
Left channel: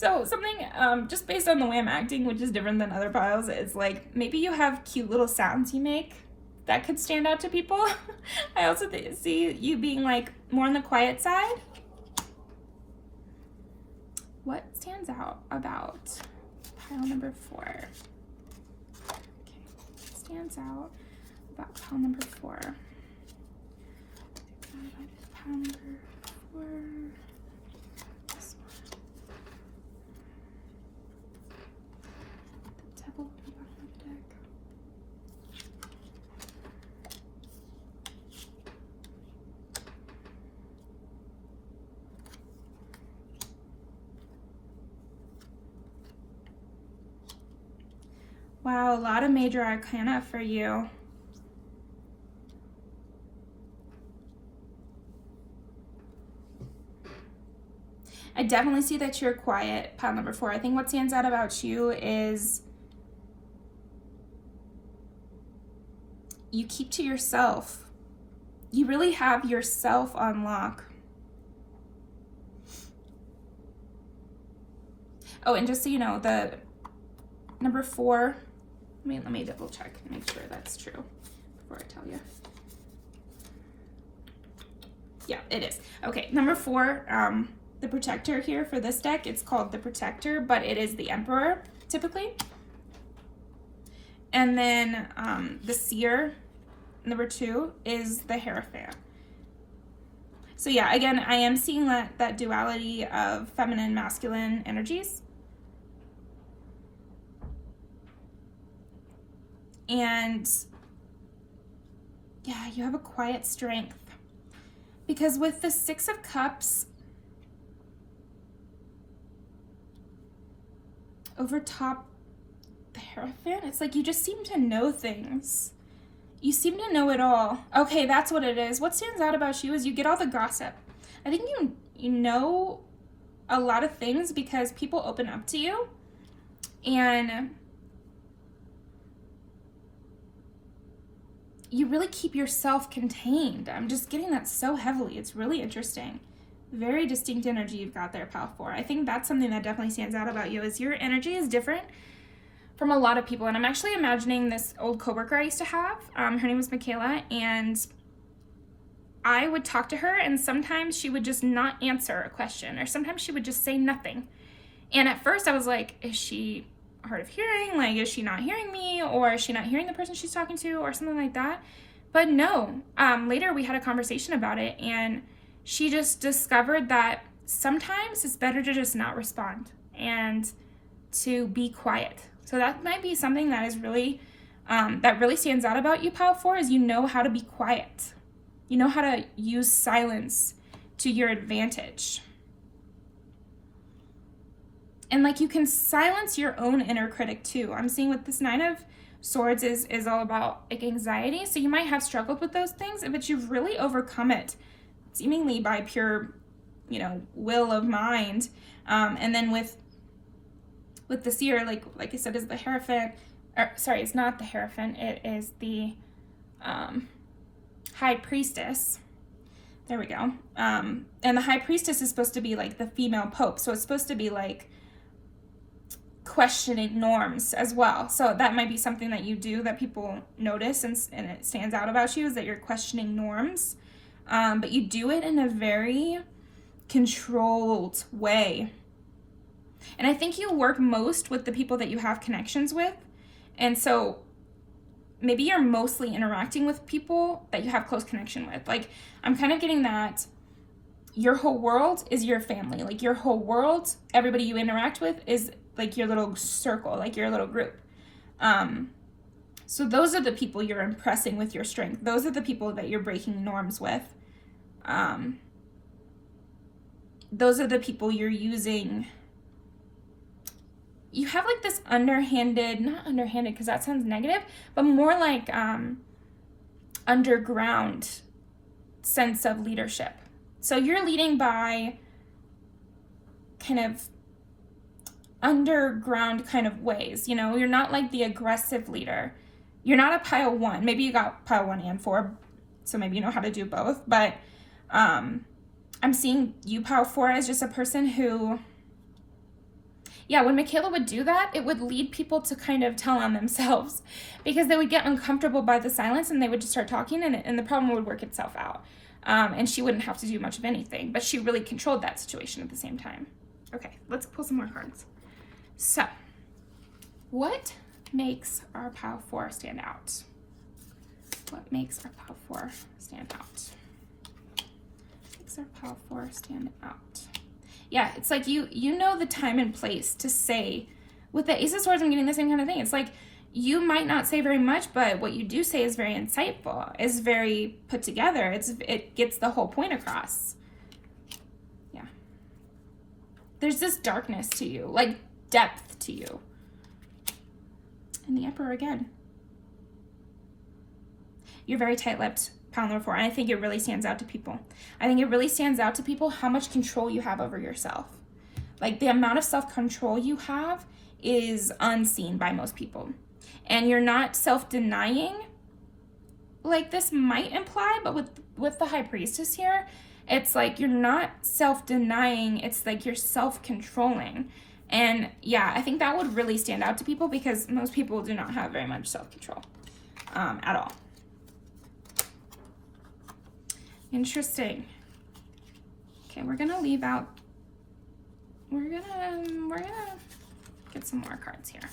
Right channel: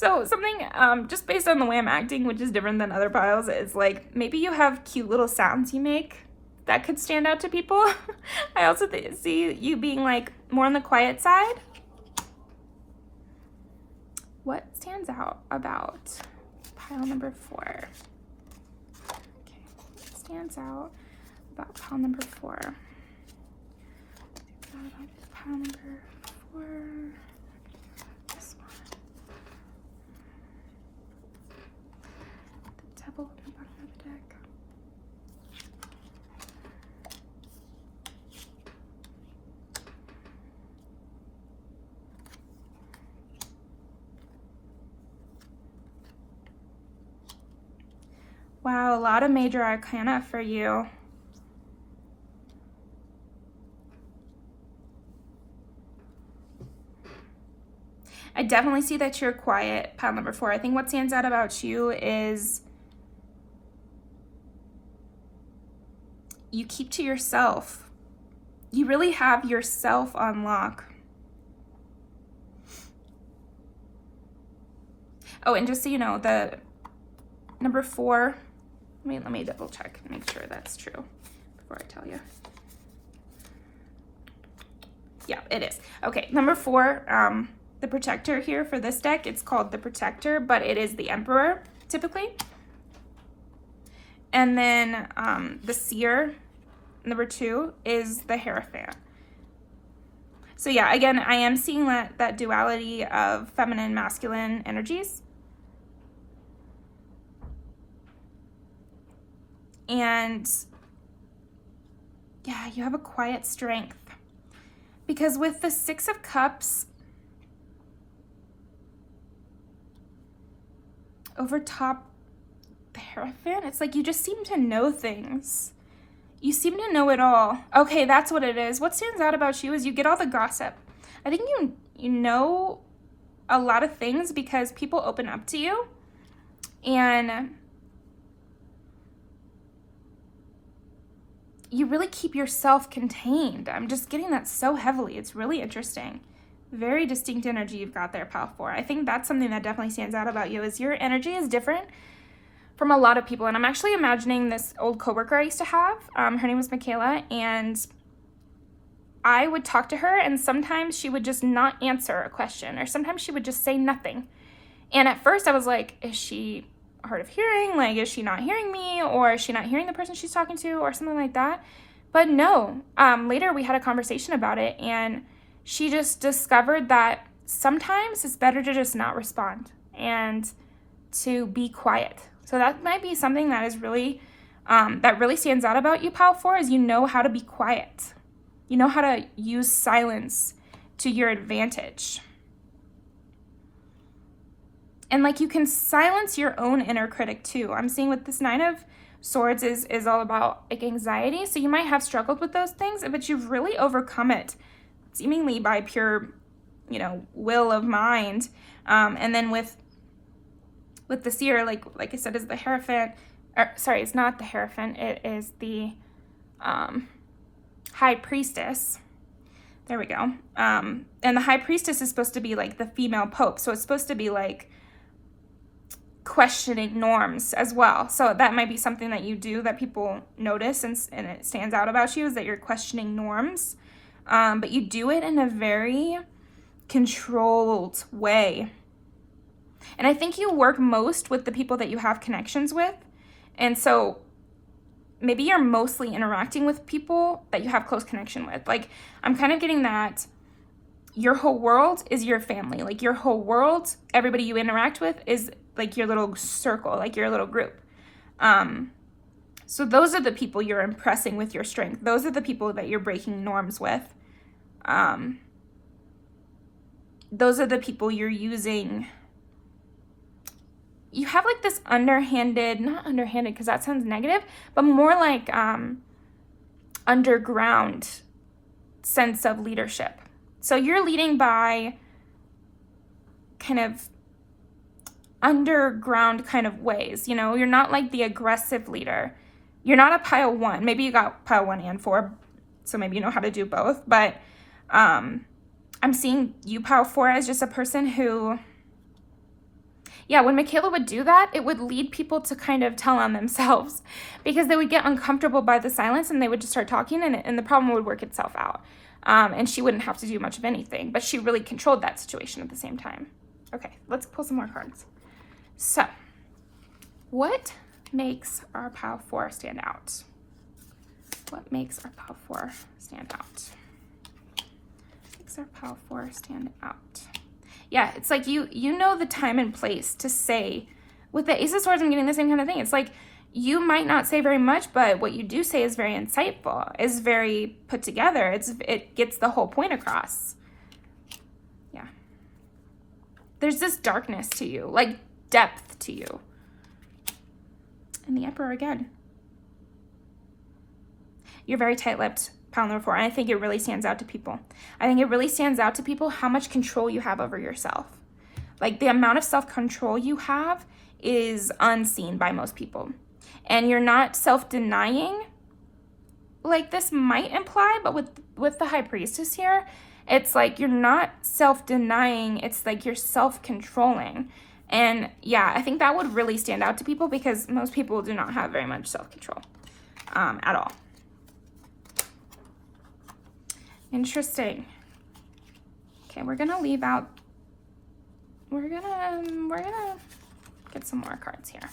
So something, just based on the way I'm acting, which is different than other piles, is like maybe you have cute little sounds you make that could stand out to people. I also see you being like more on the quiet side. What stands out about pile number 4? Okay, what stands out about pile number 4? Pile number 4. This one. The devil on the bottom of the deck. Wow, a lot of major arcana for you. I definitely see that you're quiet, pile number 4. I think what stands out about you is you keep to yourself. You really have yourself on lock. Oh, and just so you know, the number 4, let me double check and make sure that's true before I tell you. Yeah, it is. Okay, number 4, the protector here for this deck, it's called the protector, but it is the emperor typically. And then the seer, number 2, is the hierophant. So yeah, again, I am seeing that duality of feminine, masculine energies. And yeah, you have a quiet strength. Because with the 6 of Cups over top the Hierophant, it's like you just seem to know things. You seem to know it all. Okay, that's what it is. What stands out about you is you get all the gossip. I think you know a lot of things because people open up to you. And you really keep yourself contained. I'm just getting that so heavily. It's really interesting. Very distinct energy you've got there, pile 4. I think that's something that definitely stands out about you is your energy is different from a lot of people. And I'm actually imagining this old coworker I used to have. Her name was Michaela, and I would talk to her, and sometimes she would just not answer a question, or sometimes she would just say nothing. And at first I was like, is she hard of hearing? Like, is she not hearing me, or is she not hearing the person she's talking to, or something like that? But no, later we had a conversation about it, and she just discovered that sometimes it's better to just not respond and to be quiet. So that might be something that is really, that really stands out about you, pile 4, is you know how to be quiet. You know how to use silence to your advantage. And like you can silence your own inner critic too. I'm seeing with this 9 of Swords is all about like anxiety. So you might have struggled with those things, but you've really overcome it seemingly by pure, will of mind. And then with the seer, like I said, is the Hierophant, or sorry, it's not the Hierophant, it is the High Priestess. There we go. And the High Priestess is supposed to be like the female pope. So it's supposed to be like questioning norms as well. So that might be something that you do that people notice and it stands out about you, is that you're questioning norms. But you do it in a very controlled way. And I think you work most with the people that you have connections with. And so maybe you're mostly interacting with people that you have close connection with. Like, I'm kind of getting that your whole world is your family. Like, your whole world, everybody you interact with is like your little circle, like your little group. So those are the people you're impressing with your strength. Those are the people that you're breaking norms with. Those are the people you're using. You have like this underhanded, not underhanded because that sounds negative, but more like underground sense of leadership. So you're leading by kind of underground kind of ways. You're not like the aggressive leader. You're not a pile 1. Maybe you got pile 1 and 4, so maybe you know how to do both. But I'm seeing you, pile 4, as just a person who Yeah, when Michaela would do that, it would lead people to kind of tell on themselves because they would get uncomfortable by the silence and they would just start talking, and the problem would work itself out. And she wouldn't have to do much of anything, but she really controlled that situation at the same time. Okay, let's pull some more cards. So, what makes our pile 4 stand out? What makes our pile 4 stand out? Makes our pile 4 stand out. Yeah, it's like you know the time and place to say. With the Ace of Swords, I'm getting the same kind of thing. It's like you might not say very much, but what you do say is very insightful, is very put together. It gets the whole point across. Yeah. There's this darkness to you, like depth to you. And the Emperor again. You're very tight-lipped, pile number 4, and I think it really stands out to people. I think it really stands out to people how much control you have over yourself. Like the amount of self-control you have is unseen by most people. And you're not self-denying, like this might imply, but with the High Priestess here, it's like you're not self-denying, it's like you're self-controlling. And yeah, I think that would really stand out to people because most people do not have very much self-control at all. Interesting. Okay, we're gonna leave out, we're gonna get some more cards here.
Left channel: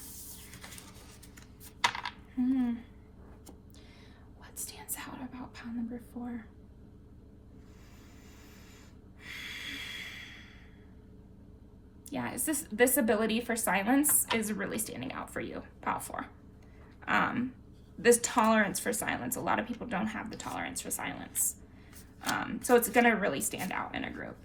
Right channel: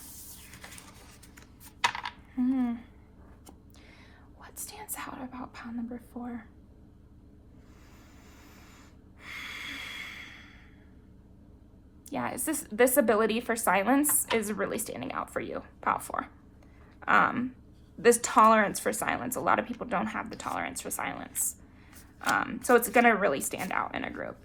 What stands out about pile number 4? Yeah, is this ability for silence is really standing out for you, pile 4. This tolerance for silence. A lot of people don't have the tolerance for silence. So it's gonna really stand out in a group.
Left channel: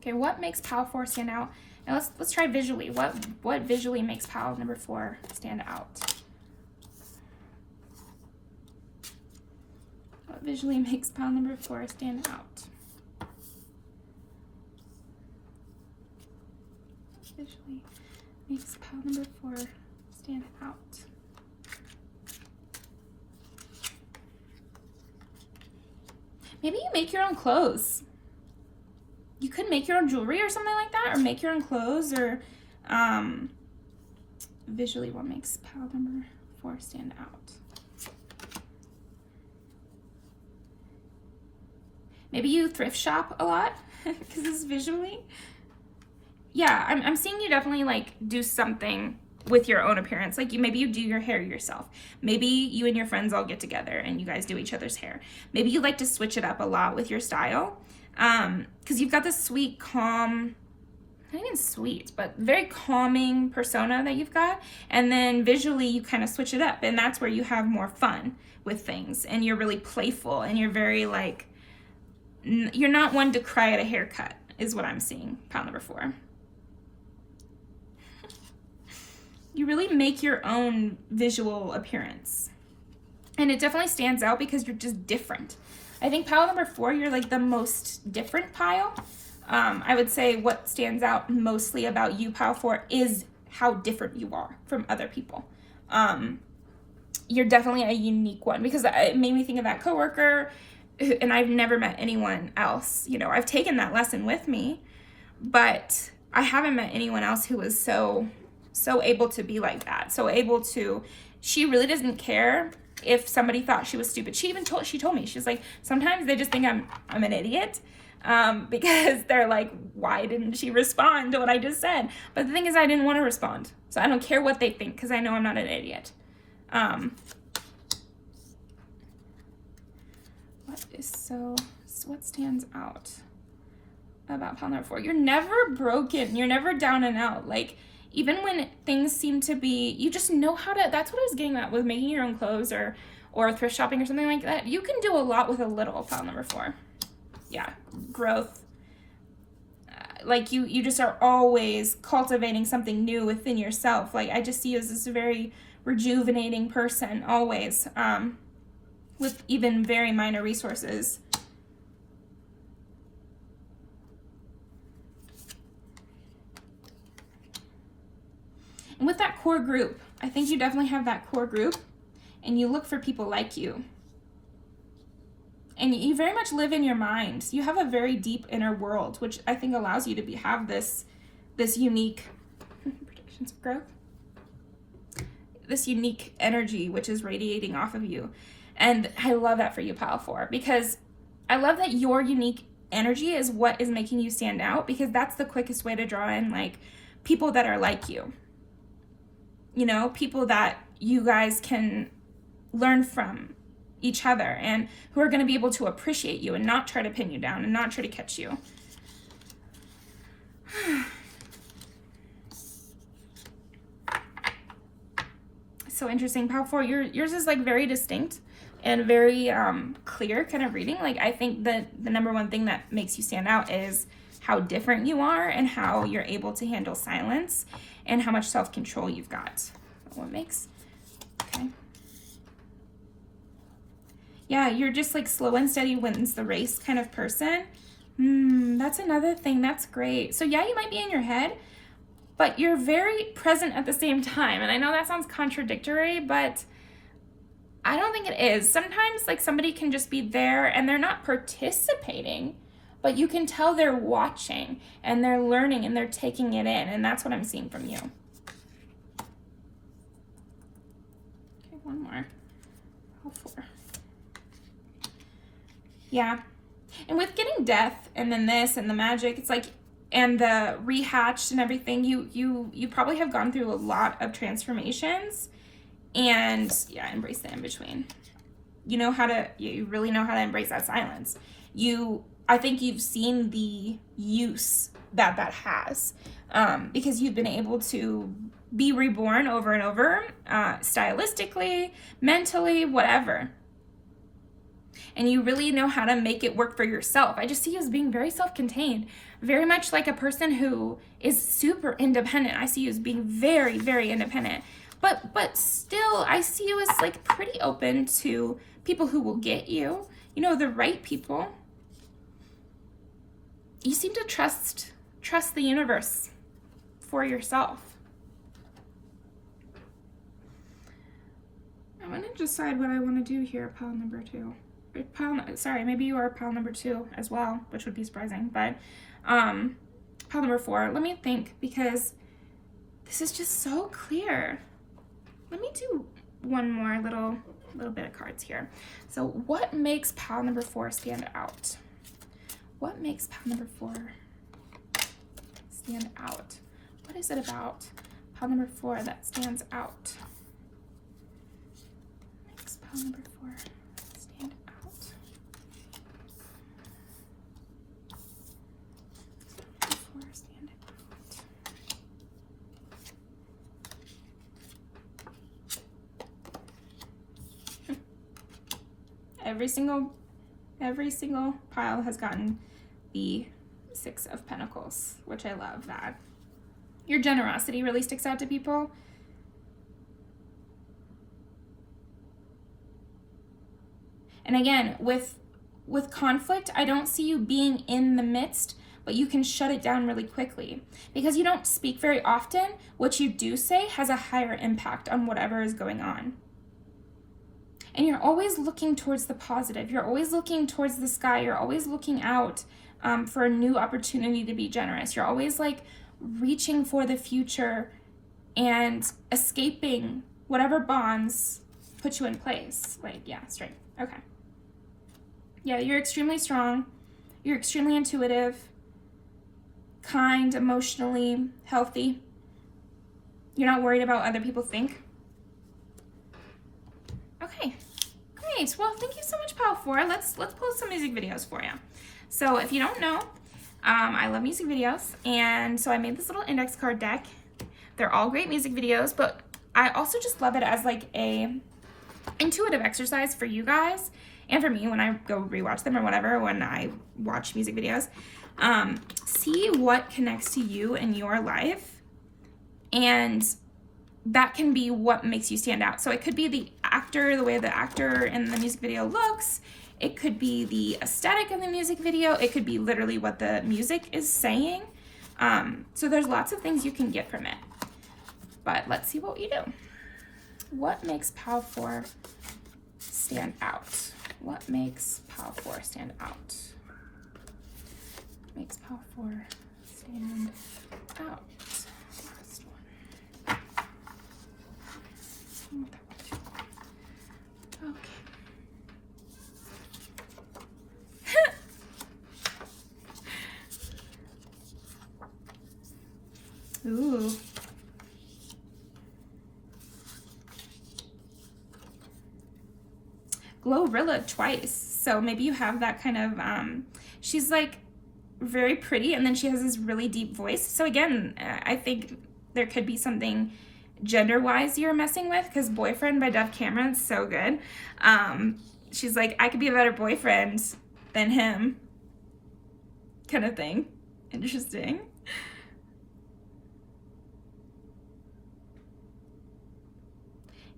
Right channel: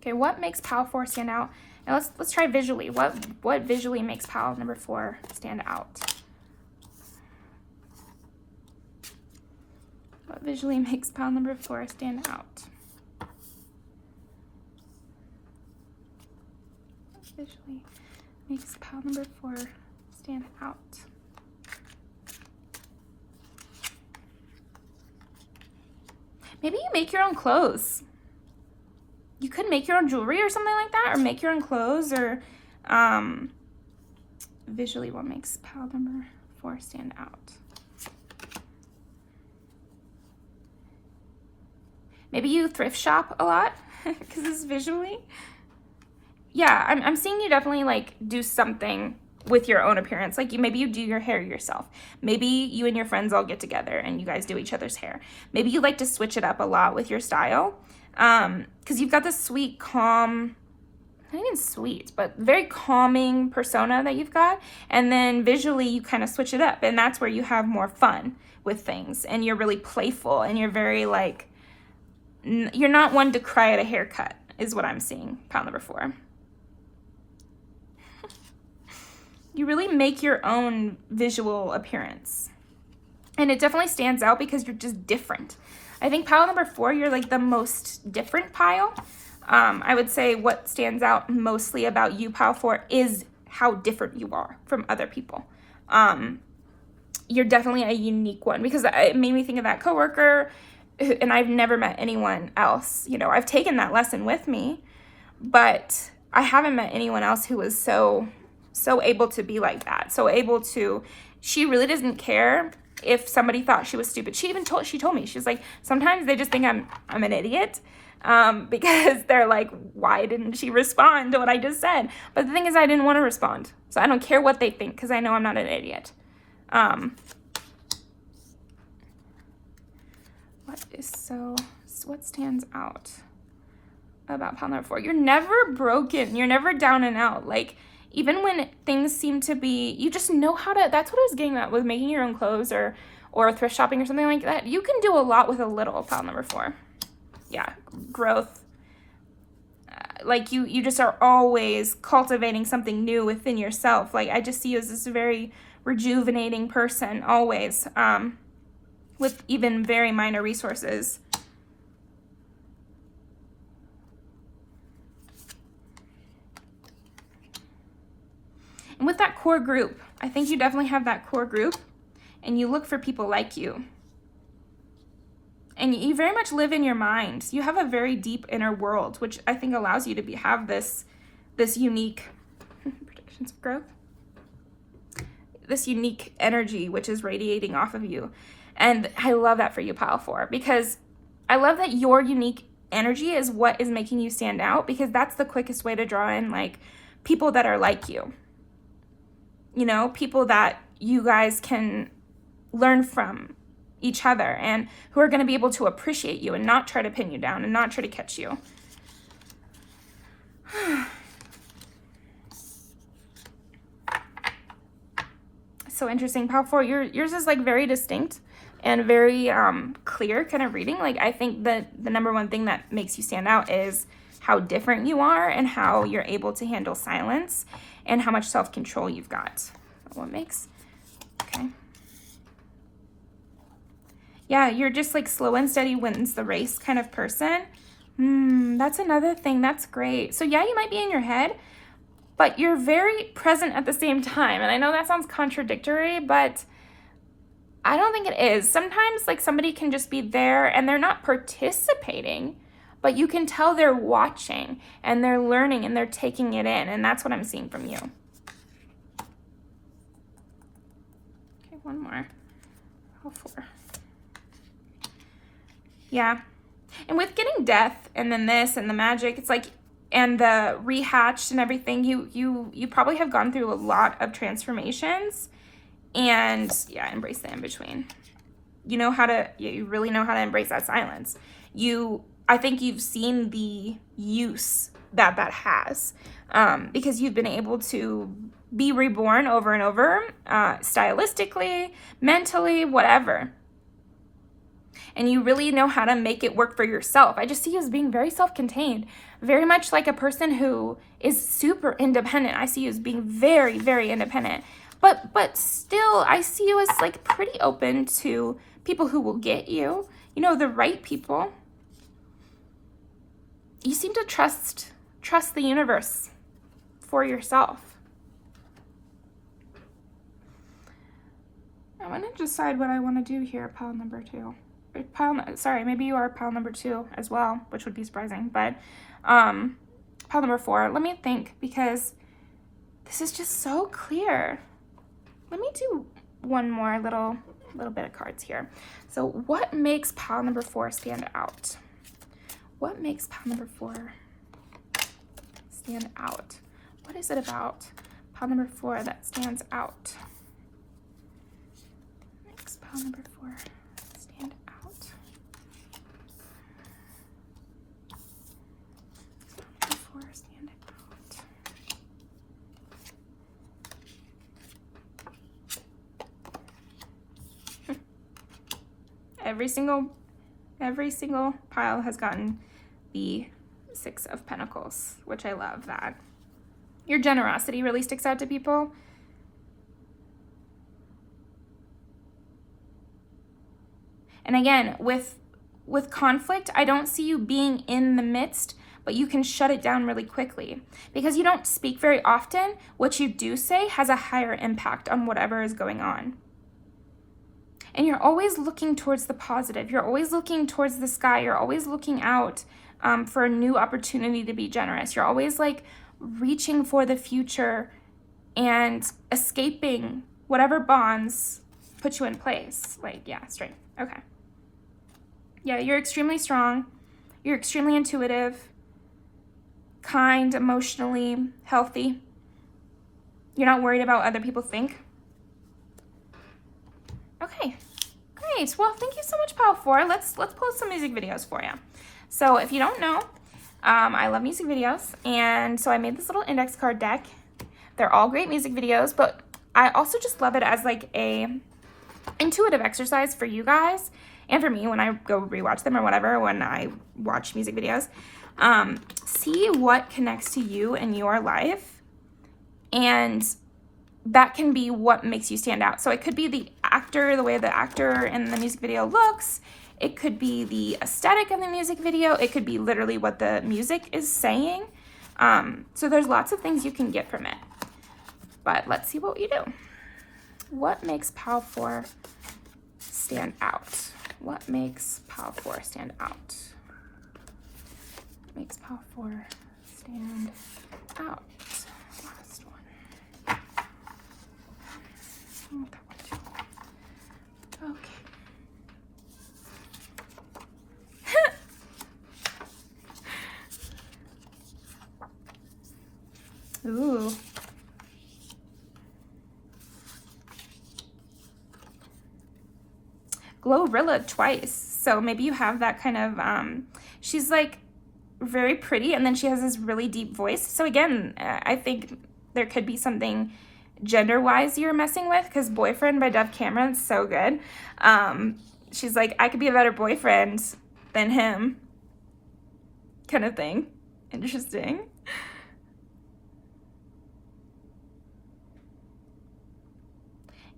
Okay, what makes pile 4 stand out? And let's try visually. What visually makes pile number 4 stand out? What visually makes pile number 4 stand out? What visually makes pile number 4 stand out? Maybe you make your own clothes. You could make your own jewelry or something like that, or make your own clothes, or visually what makes pile number 4 stand out. Maybe you thrift shop a lot because it's visually. Yeah, I'm seeing you definitely like do something with your own appearance. Like maybe you do your hair yourself. Maybe you and your friends all get together and you guys do each other's hair. Maybe you like to switch it up a lot with your style. Because you've got this sweet, calm, not even sweet, but very calming persona that you've got. And then visually you kind of switch it up, and that's where you have more fun with things, and you're really playful, and you're very like, you're not one to cry at a haircut is what I'm seeing, pile number 4. You really make your own visual appearance. And it definitely stands out because you're just different. I think pile number 4, you're like the most different pile. I would say what stands out mostly about you, pile 4, is how different you are from other people. You're definitely a unique one because it made me think of that coworker, and I've never met anyone else. You know, I've taken that lesson with me, but I haven't met anyone else who was so able to be like that. So able to, she really doesn't care if somebody thought she was stupid. She told me, she's like, sometimes they just think I'm an idiot because they're like, why didn't she respond to what I just said? But the thing is, I didn't want to respond. So I don't care what they think because I know I'm not an idiot. What stands out about pile number 4? You're never broken. You're never down and out. Like, even when things seem to be, you just know how to, that's what I was getting at with making your own clothes or thrift shopping or something like that. You can do a lot with a little, pile number 4. Yeah, growth. Like you just are always cultivating something new within yourself. Like I just see you as this very rejuvenating person always, with even very minor resources. And with that core group, I think you definitely have that core group, and you look for people like you. And you very much live in your mind. You have a very deep inner world, which I think allows you to have this unique sense of growth. This unique energy which is radiating off of you. And I love that for you, pile 4, because I love that your unique energy is what is making you stand out, because that's the quickest way to draw in like people that are like you. You know, people that you guys can learn from each other and who are going to be able to appreciate you and not try to pin you down and not try to catch you. So interesting. Pile 4, yours is like very distinct and very clear kind of reading. Like, I think that the number one thing that makes you stand out is how different you are and how you're able to handle silence and how much self-control you've got. What makes, okay. Yeah, you're just like slow and steady wins the race kind of person. That's another thing. That's great. So yeah, you might be in your head, but you're very present at the same time. And I know that sounds contradictory, but I don't think it is. Sometimes like somebody can just be there and they're not participating, but you can tell they're watching and they're learning and they're taking it in. And that's what I'm seeing from you. Okay, one more. Oh, 4. Yeah. And with getting death and then this and the magic, it's like, and the rehatched and everything, you probably have gone through a lot of transformations. And yeah, embrace the in-between. You know how to, you really know how to embrace that silence. I think you've seen the use that has, because you've been able to be reborn over and over, stylistically, mentally, whatever. And you really know how to make it work for yourself. I just see you as being very self-contained, very much like a person who is super independent. I see you as being very, very independent. But still, I see you as like pretty open to people who will get you, you know, the right people. You seem to trust the universe for yourself. I'm gonna decide what I want to do here, pile number 2. Sorry, maybe you are pile number 2 as well, which would be surprising, but pile number 4, let me think, because this is just so clear. Let me do one more little bit of cards here. So what makes pile number 4 stand out? What makes pile number 4 stand out? What is it about pile number 4 that stands out? Makes pile number 4 stand out. Every single pile has gotten the 6 of Pentacles, which I love that. Your generosity really sticks out to people. And again, with conflict, I don't see you being in the midst, but you can shut it down really quickly. Because you don't speak very often, what you do say has a higher impact on whatever is going on. And you're always looking towards the positive. You're always looking towards the sky. You're always looking out for a new opportunity to be generous. You're always like reaching for the future and escaping whatever bonds put you in place. Like, yeah, straight. Okay. Yeah, you're extremely strong. You're extremely intuitive, kind, emotionally healthy. You're not worried about what other people think. Okay. Great. Well, thank you so much, pile 4. Let's post some music videos for you. So if you don't know, I love music videos, and so I made this little index card deck. They're all great music videos, but I also just love it as like a intuitive exercise for you guys and for me when I go rewatch them or whatever, when I watch music videos. See what connects to you in your life, and that can be what makes you stand out. So it could be the actor, the way the actor in the music video looks. It could be the aesthetic of the music video. It could be literally what the music is saying. So there's lots of things you can get from it. But let's see what you do. What makes pile 4 stand out? What makes pile 4 stand out? What makes pile 4 stand out? Last one. Glorilla twice. So maybe you have that kind of, she's like very pretty, and then she has this really deep voice. So again, I think there could be something gender-wise you're messing with, because Boyfriend by Dove Cameron's so good. She's like, I could be a better boyfriend than him, kind of thing. Interesting.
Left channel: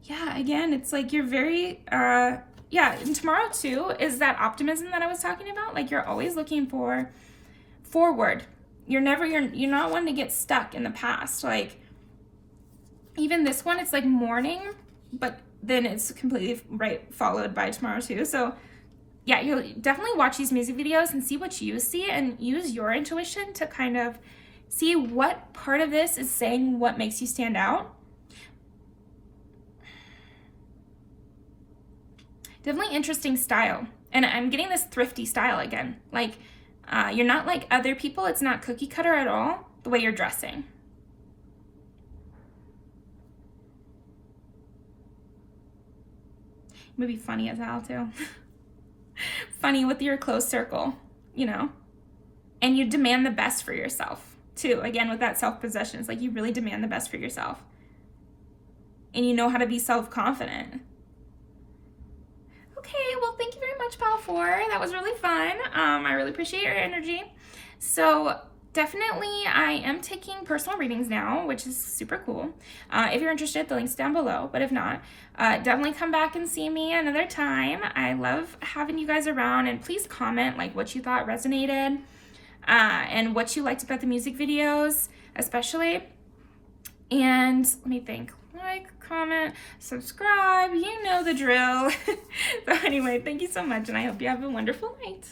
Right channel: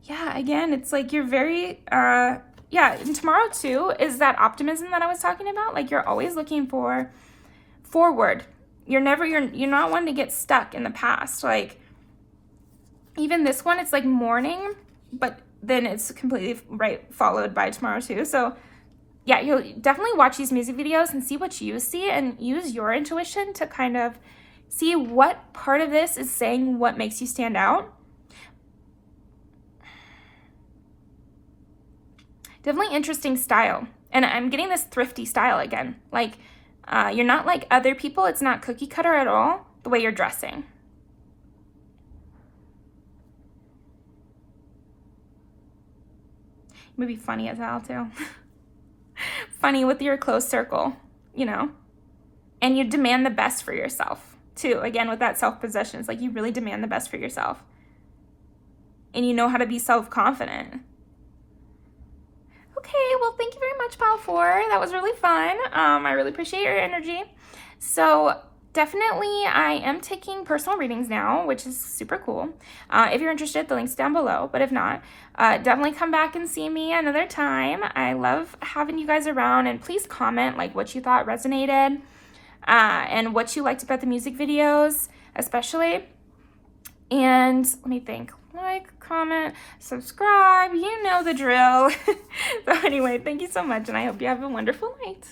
Yeah, again, it's like you're very, yeah, and tomorrow too is that optimism that I was talking about. Like, you're always looking for forward. You're not one to get stuck in the past. Like, even this one, it's like morning, but then it's completely followed by tomorrow too. So yeah, you'll definitely watch these music videos and see what you see, and use your intuition to kind of see what part of this is saying what makes you stand out. Definitely interesting style. And I'm getting this thrifty style again. Like, you're not like other people. It's not cookie cutter at all, the way you're dressing. Maybe funny as hell too. Funny with your close circle, you know? And you demand the best for yourself too. Again, with that self-possession, it's like you really demand the best for yourself. And you know how to be self-confident. Okay, well, thank you very much, Pile 4. That was really fun. I really appreciate your energy. So definitely, I am taking personal readings now, which is super cool. If you're interested, the link's down below. But if not, definitely come back and see me another time. I love having you guys around. And please comment like what you thought resonated and what you liked about the music videos, especially. And let me think. Like, comment, subscribe, you know the drill. So anyway, thank you so much, and I hope you have a wonderful night.